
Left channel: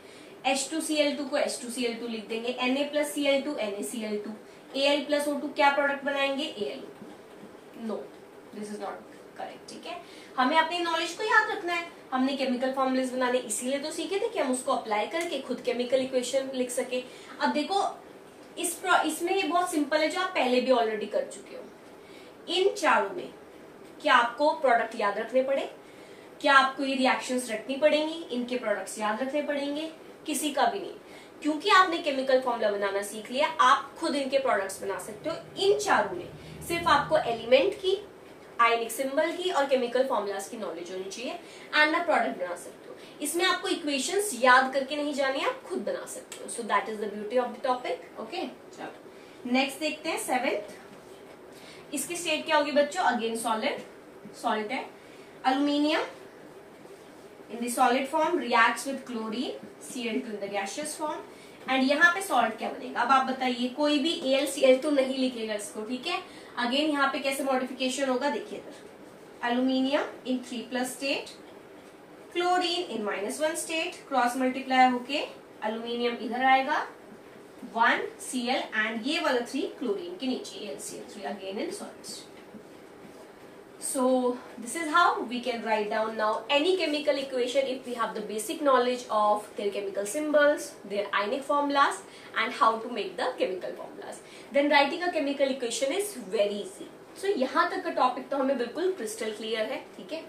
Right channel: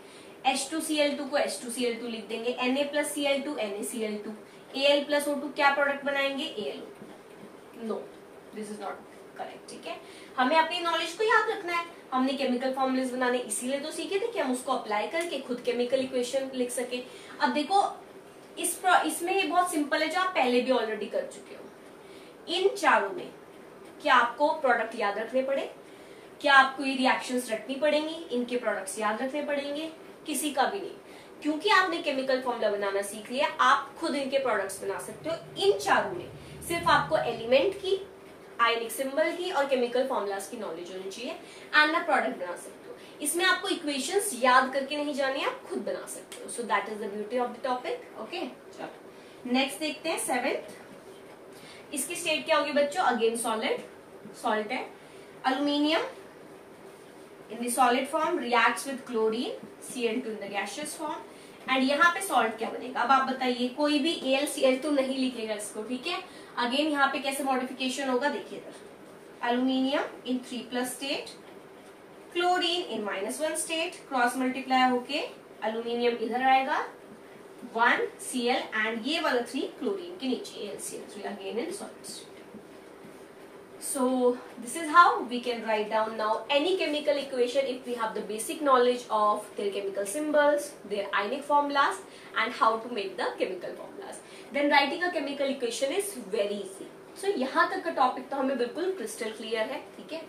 H2Cl2 को H2Cl2 लिख देंगे, Na+Cl2 NaCl2, Al+O2 क्या प्रोडक्ट बनाएंगे, AlO2। No, this is not correct, ठीक है। हमें अपनी नॉलेज को याद रखना है। हमने केमिकल फॉर्मूलाज बनाने इसीलिए तो सीखे थे कि हम उसको अप्लाई करके खुद केमिकल इक्वेशन लिख सके। अब देखो इसमें ये बहुत सिंपल है, जो आप पहले भी ऑलरेडी कर चुके हो। इन चारों में क्या आपको प्रोडक्ट याद रखने पड़े, क्या आपको ये रिएक्शंस रखनी पड़ेंगी, इनके प्रोडक्ट्स याद रखने पड़ेंगे, किसी का भी नहीं, क्योंकि आपने केमिकल फॉर्मूला बनाना सीख लिया, आप खुद इनके प्रोडक्ट्स बना सकते हो। इन चारों में सिर्फ आपको एलिमेंट की, आयनिक सिंबल की और केमिकल फॉर्मूलाज की नॉलेज होनी चाहिए एंड आप प्रोडक्ट बना सकते हो। इसमें आपको इक्वेशंस याद करके नहीं जानी, आप खुद बना सकते हो। So that is the beauty of the topic. Okay, चलो नेक्स्ट देखते हैं 7th। इसकी स्टेट क्या होगी बच्चों? अगेन सॉलिड है। Aluminium in the solid form reacts with chlorine Cl2 in the gaseous form and यहाँ पे सॉल्ट क्या बनेगा? अब आप बताइए, कोई भी AlCl2 नहीं लिखेगा इसको, ठीक है। अगेन यहाँ पे कैसे मॉडिफिकेशन होगा देखिए इधर, एल्यूमिनियम इन 3+ स्टेट, क्लोरीन इन -1 स्टेट, क्रॉस मल्टीप्लाई होके एल्यूमिनियम इधर आएगा 1 Cl एंड ये वाला 3 क्लोरीन के नीचे AlCl3 again in solid state. So this is how we can write down now any chemical equation if we have the basic knowledge of their chemical symbols, their ionic formulas and how to make the chemical formulas. Then writing a chemical equation is very easy. So यहाँ तक का topic तो हमें बिल्कुल crystal clear है, ठीक है।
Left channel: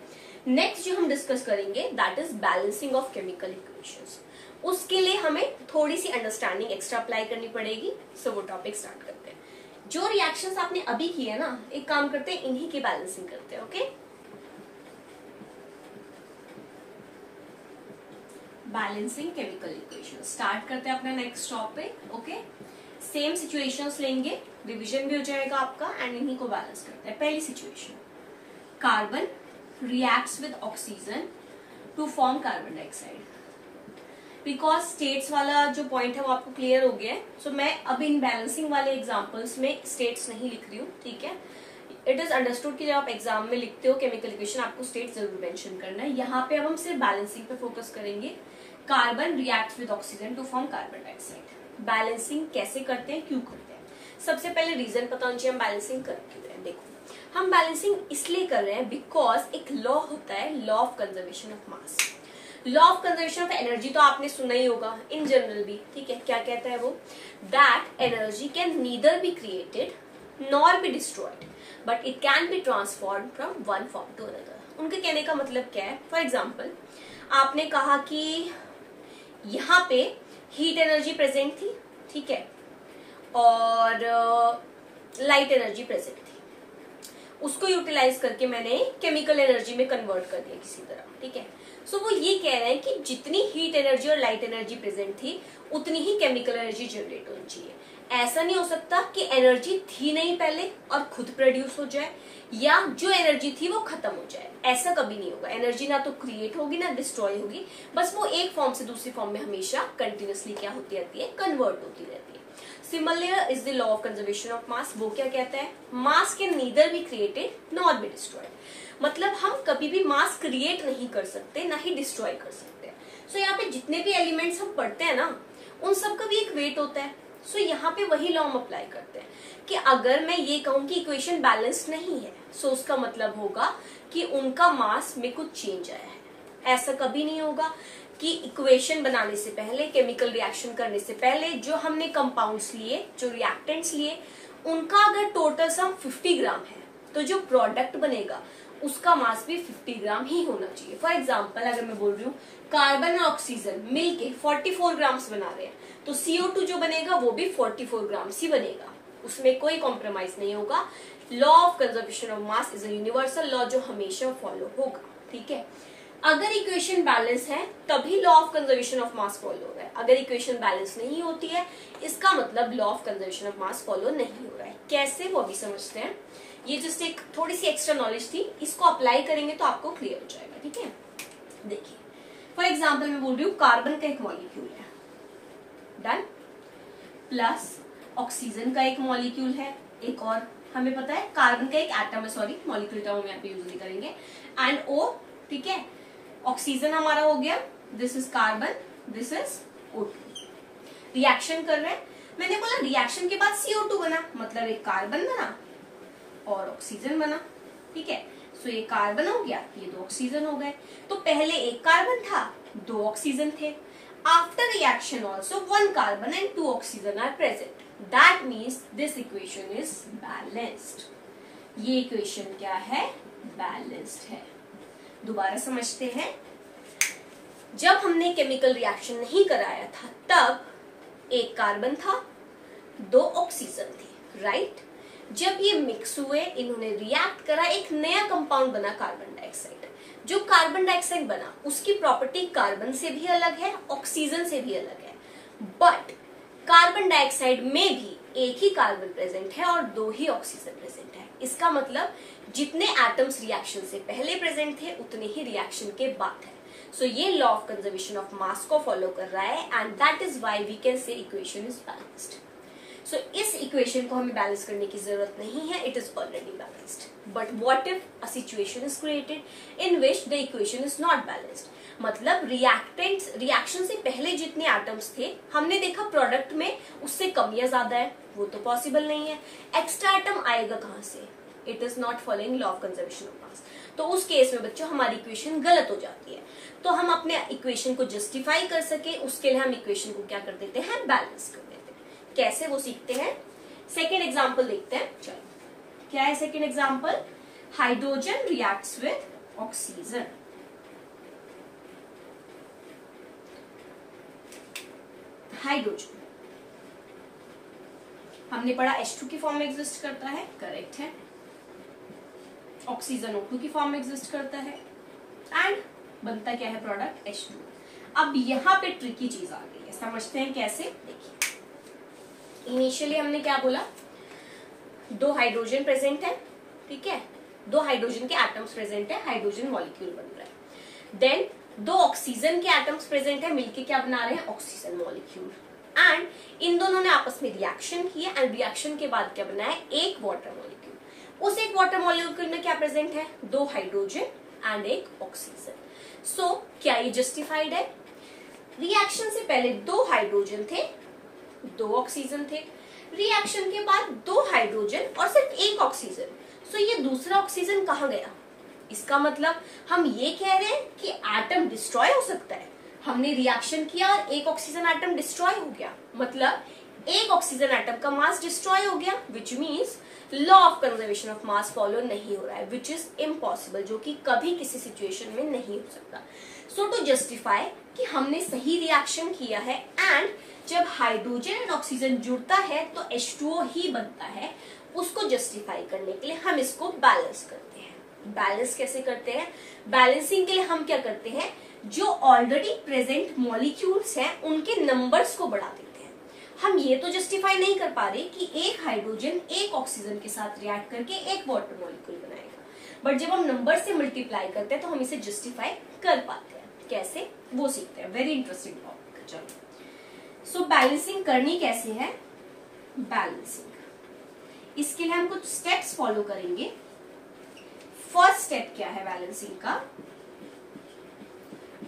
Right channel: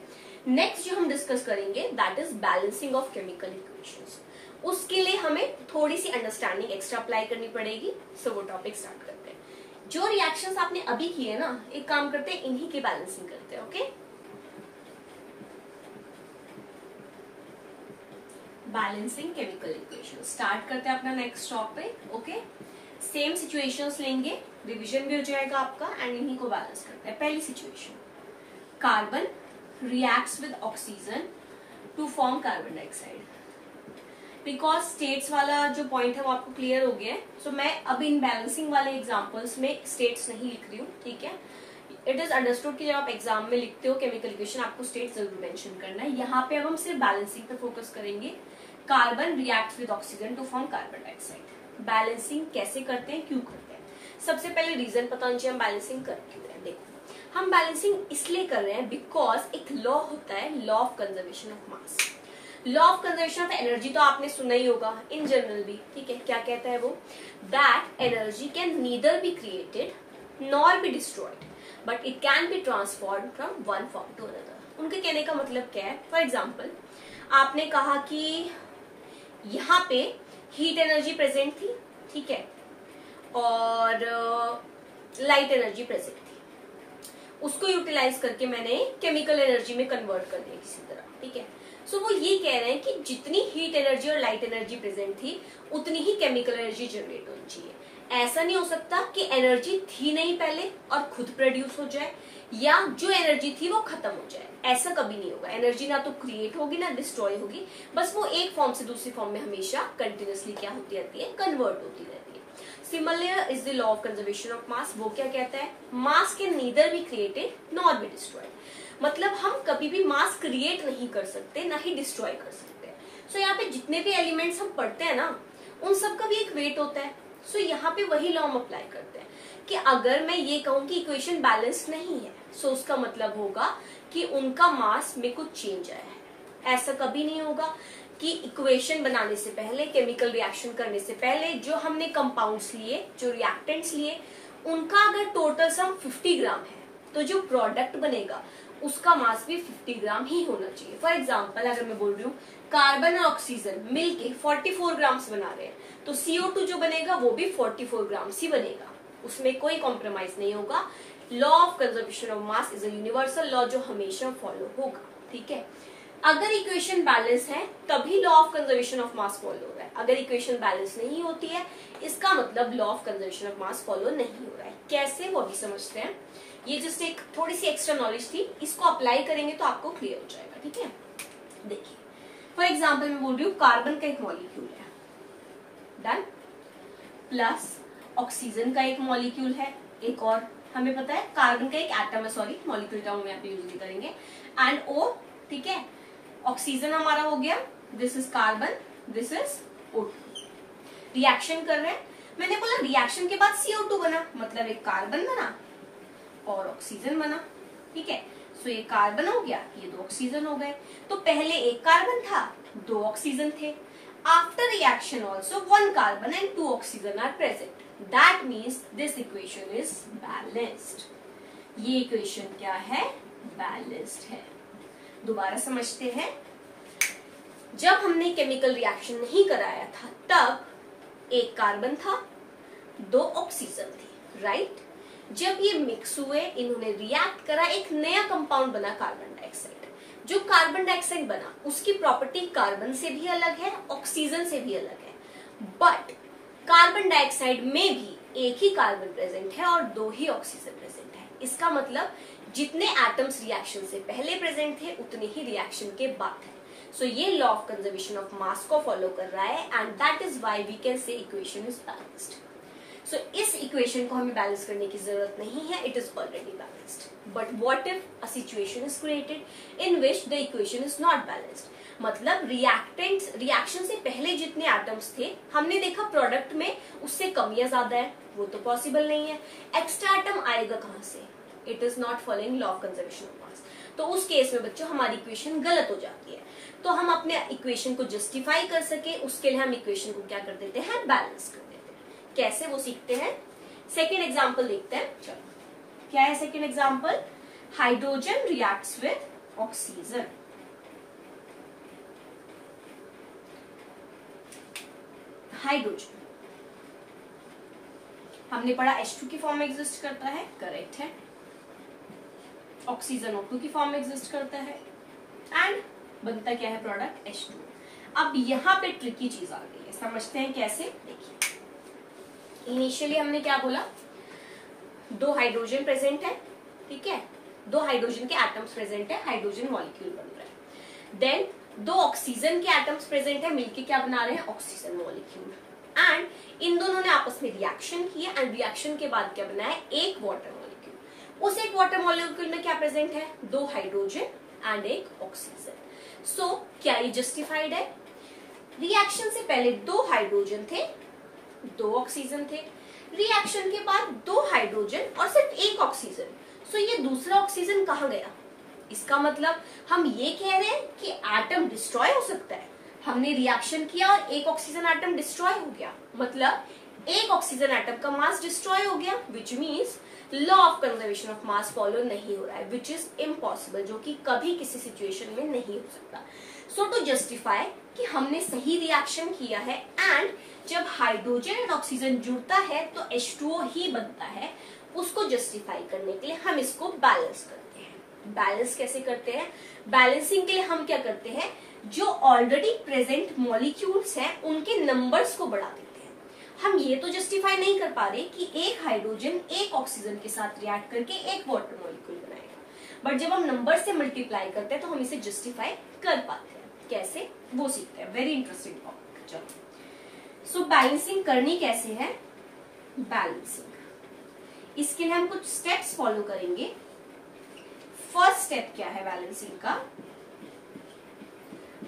Next जो हम डिस्कस करेंगे that is balancing of chemical equations. उसके लिए हमें थोड़ी सी अंडरस्टैंडिंग एक्स्ट्रा अप्लाई करनी पड़ेगी। सो वो टॉपिक स्टार्ट करते हैं। जो रिएक्शंस आपने अभी किए ना, एक काम करते हैं, इन्हीं की बैलेंसिंग करते हैं। Okay, balancing chemical equation start करते हैं अपना next topic. Okay, same situations लेंगे, रिवीजन भी हो जाएगा आपका एंड इन्हीं को बैलेंस करते हैं। पहली situation, carbon reacts with oxygen to form carbon dioxide. Because states वाला जो पॉइंट है वो आपको क्लियर हो गया है, सो मैं अब इन बैलेंसिंग वाले एग्जांपल्स में स्टेट्स नहीं लिख रही हूँ, ठीक है। इट इज अंडरस्टूड कि जब आप एग्जाम में लिखते हो केमिकल इक्वेशन आपको स्टेट जरूर मेंशन करना है। यहाँ पे अब हम सिर्फ बैलेंसिंग पे फोकस करेंगे। Carbon reacts with oxygen to form carbon dioxide. Balancing कैसे करते हैं, क्यों करते हैं? सबसे पहले रीजन पता होना चाहिए हम बैलेंसिंग कर क्यों रहे हैं। देखो, हम बैलेंसिंग इसलिए कर रहे हैं बिकॉज एक लॉ होता है, law of conservation of mass. Law of conservation of energy तो आपने सुना ही होगा इन जनरल भी, ठीक है। क्या कहता है वो? That energy can neither be created nor be destroyed but it can be transform from one form to another. उनके कहने का मतलब क्या है? फॉर एग्जाम्पल, आपने कहा कि यहाँ पे हीट एनर्जी प्रेजेंट थी, ठीक है, और लाइट एनर्जी प्रेजेंट थी। उसको यूटिलाइज करके मैंने केमिकल एनर्जी में कन्वर्ट कर दिया किसी तरह, ठीक है। सो वो ये कह रहे हैं कि जितनी हीट एनर्जी और लाइट एनर्जी प्रेजेंट थी उतनी ही केमिकल एनर्जी जनरेट होनी चाहिए। ऐसा नहीं हो सकता कि एनर्जी थी नहीं पहले और खुद प्रोड्यूस हो जाए, या जो एनर्जी थी वो खत्म हो जाए। ऐसा कभी नहीं होगा। एनर्जी ना तो क्रिएट होगी ना डिस्ट्रॉय होगी, बस वो एक फॉर्म से दूसरी फॉर्म में हमेशा कंटिन्यूसली क्या होती रहती है? कन्वर्ट होती रहती है। Similar is the law of conservation of मास। वो क्या कहता है? मास can neither be created nor be destroyed. मतलब हम कभी भी मास क्रिएट नहीं कर सकते, ना ही डिस्ट्रॉय कर सकते। सो यहाँ पे जितने भी एलिमेंट्स हम पढ़ते हैं ना, उन सबका भी एक वेट होता है। सो यहाँ पे वही लॉ हम अप्लाई करते हैं कि अगर मैं ये कहूं कि इक्वेशन बैलेंस नहीं है, सो उसका मतलब होगा कि उनका मास में कुछ चेंज आया है। ऐसा कभी नहीं होगा कि इक्वेशन बनाने से पहले, केमिकल रिएक्शन करने से पहले जो हमने कंपाउंड्स लिए, जो रिएक्टेंट्स लिए, उनका अगर टोटल सम 50 ग्राम है तो जो प्रोडक्ट बनेगा उसका मास भी 50 ग्राम ही होना चाहिए। फॉर एग्जाम्पल, अगर मैं बोल रही हूँ कार्बन और ऑक्सीजन मिलके 44 ग्राम्स बना रहे हैं, तो CO2 जो बनेगा वो भी 44 ग्राम्स ही बनेगा, उसमें कोई कॉम्प्रोमाइज नहीं होगा। Law of conservation of mass is a universal law जो हमेशा फॉलो होगा, ठीक है। अगर इक्वेशन बैलेंस है तभी law of conservation of mass follow हो रहा है। अगर इक्वेशन बैलेंस नहीं होती है इसका मतलब law of conservation of mass follow नहीं हो रहा है। कैसे, वो भी समझते हैं। ये जस्ट एक थोड़ी सी एक्स्ट्रा नॉलेज थी, इसको अप्लाई करेंगे तो आपको क्लियर हो जाएगा, ठीक है। देखिए, फॉर एग्जाम्पल मैं बोल रही हूँ कार्बन का एक मॉलिक्यूल है, डन, प्लस ऑक्सीजन का एक मॉलिक्यूल है, एक और हमें पता है कार्बन का एक एटम है, सॉरी मॉलिक्यूल टर्म यहाँ पे यूज नहीं करेंगे, एंड O, ठीक है। ऑक्सीजन हमारा हो गया, this is carbon, this is O2। Reaction कर रहे हैं, मैंने बोला रिएक्शन के बाद CO2 बना, मतलब एक कार्बन बना और ऑक्सीजन बना, ठीक है। सो ये कार्बन हो गया, ये 2 ऑक्सीजन हो गए। तो पहले एक कार्बन था, 2 ऑक्सीजन थे। After reaction also 1 carbon and 2 oxygen are present. That means this equation is balanced. ये इक्वेशन क्या है? बैलेंस्ड है। दोबारा समझते हैं। जब हमने केमिकल रिएक्शन नहीं कराया था तब एक कार्बन था, 2 ऑक्सीजन थी, राइट। जब ये मिक्स हुए, इन्होंने रिएक्ट करा, एक नया कंपाउंड बना कार्बन डाइऑक्साइड। जो कार्बन डाइऑक्साइड बना उसकी प्रॉपर्टी कार्बन से भी अलग है, ऑक्सीजन से भी अलग है, बट कार्बन डाइऑक्साइड में भी एक ही कार्बन प्रेजेंट है और 2 ही ऑक्सीजन प्रेजेंट है। इसका मतलब जितने एटम्स रिएक्शन से पहले प्रेजेंट थे उतने ही रिएक्शन के बाद है। सो ये law of conservation of mass को फॉलो कर रहा है and that is why we can say equation is balanced. So इस इक्वेशन को हमें बैलेंस करने की जरूरत नहीं है, it is already balanced. But what if a situation is created in which the equation is not balanced, मतलब reactants reaction से पहले जितने एटम्स थे हमने देखा प्रोडक्ट में उससे कम या ज्यादा है, वो तो पॉसिबल नहीं है। एक्स्ट्रा एटम आएगा कहां से? It is not following law of conservation of मास। तो उस केस में बच्चों हमारी इक्वेशन गलत हो जाती है। तो हम अपने इक्वेशन को जस्टिफाई कर सके उसके लिए हम इक्वेशन को क्या कर देते हैं? बैलेंस कर देते हैं। कैसे वो सीखते हैं। सेकेंड एग्जाम्पल देखते हैं। चलो क्या है second example? Hydrogen reacts with oxygen. Hydrogen हमने पढ़ा H2 की फॉर्म में एग्जिस्ट करता है, करेक्ट है। ऑक्सीजन O2 की फॉर्म में एग्जिस्ट करता है एंड बनता क्या है प्रोडक्ट? H2। अब यहाँ पे ट्रिकी चीज आ गई है, समझते हैं कैसे। देखिए इनिशियली हमने क्या बोला, 2 हाइड्रोजन प्रेजेंट है, ठीक है, 2 हाइड्रोजन के एटम्स प्रेजेंट है, हाइड्रोजन मॉलिक्यूल बन रहा है। देन 2 ऑक्सीजन के एटम्स प्रेजेंट है, मिलके क्या बना रहे हैं? Oxygen molecule. एंड इन दोनों ने आपस में रिएक्शन किया एंड रिएक्शन के बाद क्या बना है? एक वाटर मॉलिक्यूल। उस एक वाटर मॉलिक्यूल में क्या प्रेजेंट है? 2 हाइड्रोजन एंड एक ऑक्सीजन। सो क्या ये जस्टिफाइड है? रिएक्शन से पहले 2 हाइड्रोजन थे, 2 ऑक्सीजन थे, रिएक्शन के बाद 2 हाइड्रोजन और सिर्फ एक ऑक्सीजन। सो ये दूसरा ऑक्सीजन कहाँ गया? इसका मतलब हम ये कह रहे हैं कि एटम डिस्ट्रॉय हो सकता है। हमने रिएक्शन किया और एक ऑक्सीजन एटम डिस्ट्रॉय हो गया, मतलब एक ऑक्सीजन एटम का मास डिस्ट्रॉय हो गया, which means law of conservation of mass follow नहीं हो रहा है, विच इज इम्पॉसिबल, जो कि कभी किसी सिचुएशन में नहीं हो सकता। सो टू जस्टिफाई कि हमने सही रिएक्शन किया है एंड जब हाइड्रोजन एंड ऑक्सीजन जुड़ता है तो H2O ही बनता है, उसको जस्टिफाई करने के लिए हम इसको बैलेंस करते हैं। बैलेंस कैसे करते हैं? बैलेंसिंग के लिए हम क्या करते हैं, जो ऑलरेडी प्रेजेंट मॉलिक्यूल्स हैं उनके नंबर्स को बढ़ा देते हैं। हम ये तो जस्टिफाई नहीं कर पा रहे कि एक हाइड्रोजन एक ऑक्सीजन के साथ रिएक्ट करके एक वाटर मॉलिक्यूल बनाएगा, बट जब हम नंबर से मल्टीप्लाई करते हैं तो हम इसे जस्टिफाई कर पाते हैं। कैसे वो सीखते हैं, वेरी इंटरेस्टिंग टॉपिक। चलो सो बैलेंसिंग करनी कैसे है? बैलेंसिंग इसके लिए हम कुछ स्टेप्स फॉलो करेंगे। फर्स्ट स्टेप क्या है बैलेंसिंग का?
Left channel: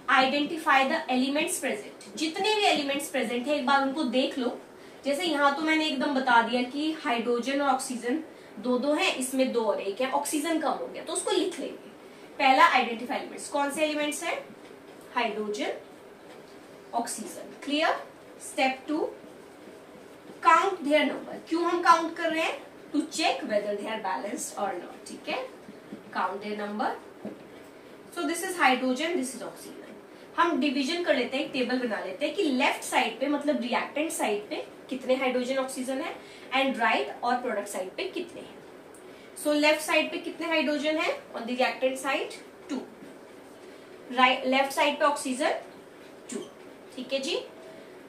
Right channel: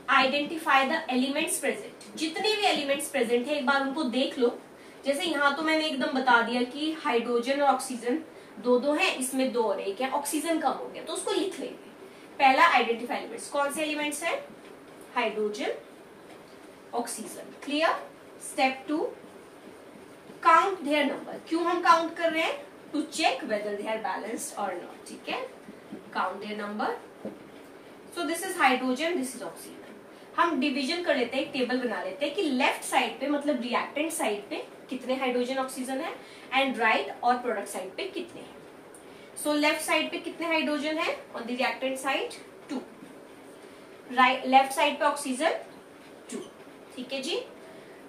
Identify the elements present. जितने भी एलिमेंट्स प्रेजेंट है एक बार उनको देख लो। जैसे यहाँ तो मैंने एकदम बता दिया कि हाइड्रोजन और ऑक्सीजन 2-2 है, इसमें 2 और 1 है, ऑक्सीजन कम हो गया तो उसको लिख लेंगे। पहला आइडेंटिफाई एलिमेंट्स, कौन से एलिमेंट्स है? Hydrogen, oxygen, clear. Step 2 count their number. क्यों हम काउंट कर रहे हैं? To check whether they are balanced और नॉट, ठीक है। Count their number. So this is hydrogen, this is oxygen. हम डिवीजन कर लेते हैं, एक टेबल बना लेते हैं कि लेफ्ट साइड पे मतलब रिएक्टेंट साइड पे कितने हाइड्रोजन ऑक्सीजन है एंड राइट और प्रोडक्ट साइड पे कितने हैं। सो लेफ्ट साइड पे कितने हाइड्रोजन है? On the reactant side 2, right left side पे ऑक्सीजन 2, ठीक है जी।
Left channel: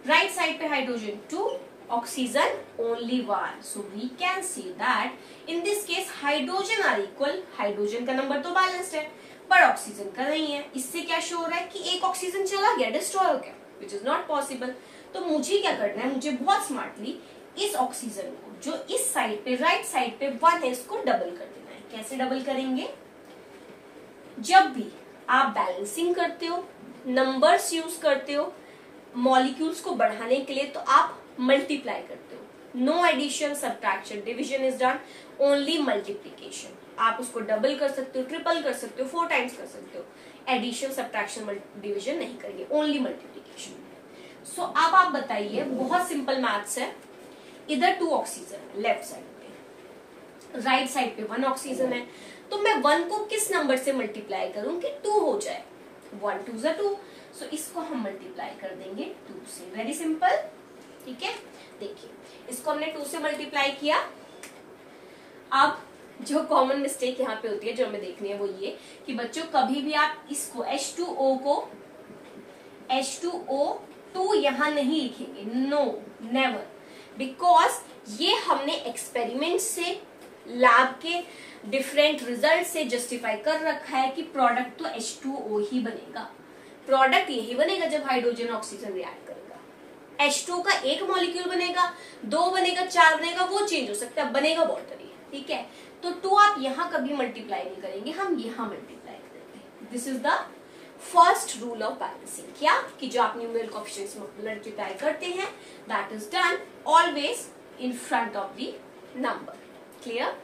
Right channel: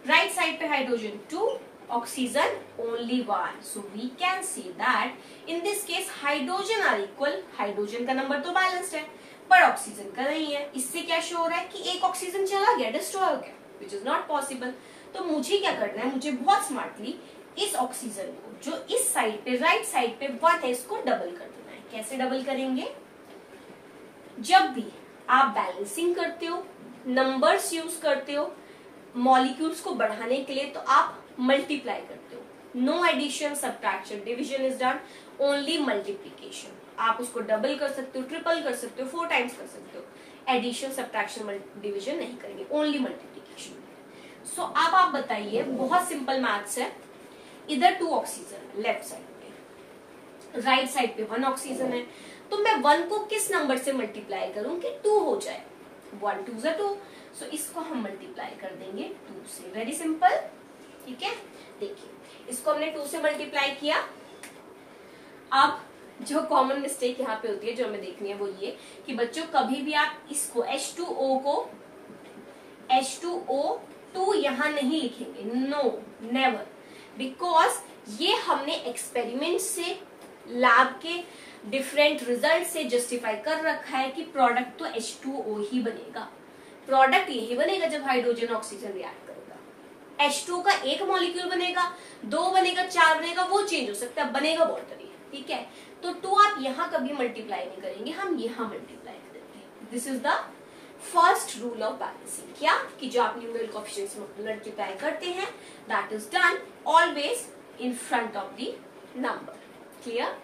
राइट साइड पे hydrogen 2, oxygen only 1। So we can see that in this case hydrogen are equal. Hydrogen का नंबर तो बैलेंस्ड है पर ऑक्सीजन का नहीं है। इससे क्या शो हो रहा है कि एक ऑक्सीजन चला गया, डिस्ट्रॉय हो गया, विच इज नॉट पॉसिबल। तो मुझे क्या करना है? मुझे बहुत स्मार्टली इस ऑक्सीजन को जो इस साइड पे राइट साइड पे 1 है इसको डबल कर देना है। कैसे डबल करेंगे? जब भी आप बैलेंसिंग करते हो, नंबर्स यूज करते हो मॉलिक्यूल्स को बढ़ाने के लिए, तो आप मल्टीप्लाई करते हो। No addition, subtraction, division is done, only multiplication. आप उसको डबल कर सकते हो, ट्रिपल कर सकते हो, 4 टाइम्स कर सकते हो। एडिशन, सब्ट्रैक्शन, डिविजन नहीं करेंगे, ओनली मल्टीप्लीकेशन। सो अब आप बताइए, बहुत सिंपल मैथ्स है। इधर 2 ऑक्सीजन है लेफ्ट साइड पे, राइट साइड पे 1 ऑक्सीजन है, तो मैं 1 को किस नंबर से मल्टीप्लाई करूं कि 2 हो जाए? 1 2 = 2। सो इसको हम मल्टीप्लाई कर देंगे 2 से। वेरी सिंपल, ठीक है। देखिए इसको हमने 2 से मल्टीप्लाई किया अब जो कॉमन मिस्टेक यहाँ पे होती है जो हमें देखनी है वो ये कि बच्चों कभी भी आप इसको H2O को H2O2 यहाँ नहीं लिखेंगे, नो नेवर, बिकॉज ये हमने एक्सपेरिमेंट से, लैब के डिफरेंट रिजल्ट से जस्टिफाई कर रखा है कि प्रोडक्ट तो H2O ही बनेगा। प्रोडक्ट यही बनेगा जब हाइड्रोजन ऑक्सीजन रिएक्ट करेगा। H2 का एक मॉलिक्यूल बनेगा, 2 बनेगा, 4 बनेगा, वो चेंज हो सकता है, बनेगा वाटर ही, ठीक है। तो 2 आप यहाँ कभी मल्टीप्लाई नहीं करेंगे, हम यहाँ मल्टीप्लाई करेंगे। This is the first rule of balancing. क्या कि जो आप न्यूमेरिकल कोएफिशिएंट्स मल्टीप्लाई करते हैं that is done always in front of the number. Clear?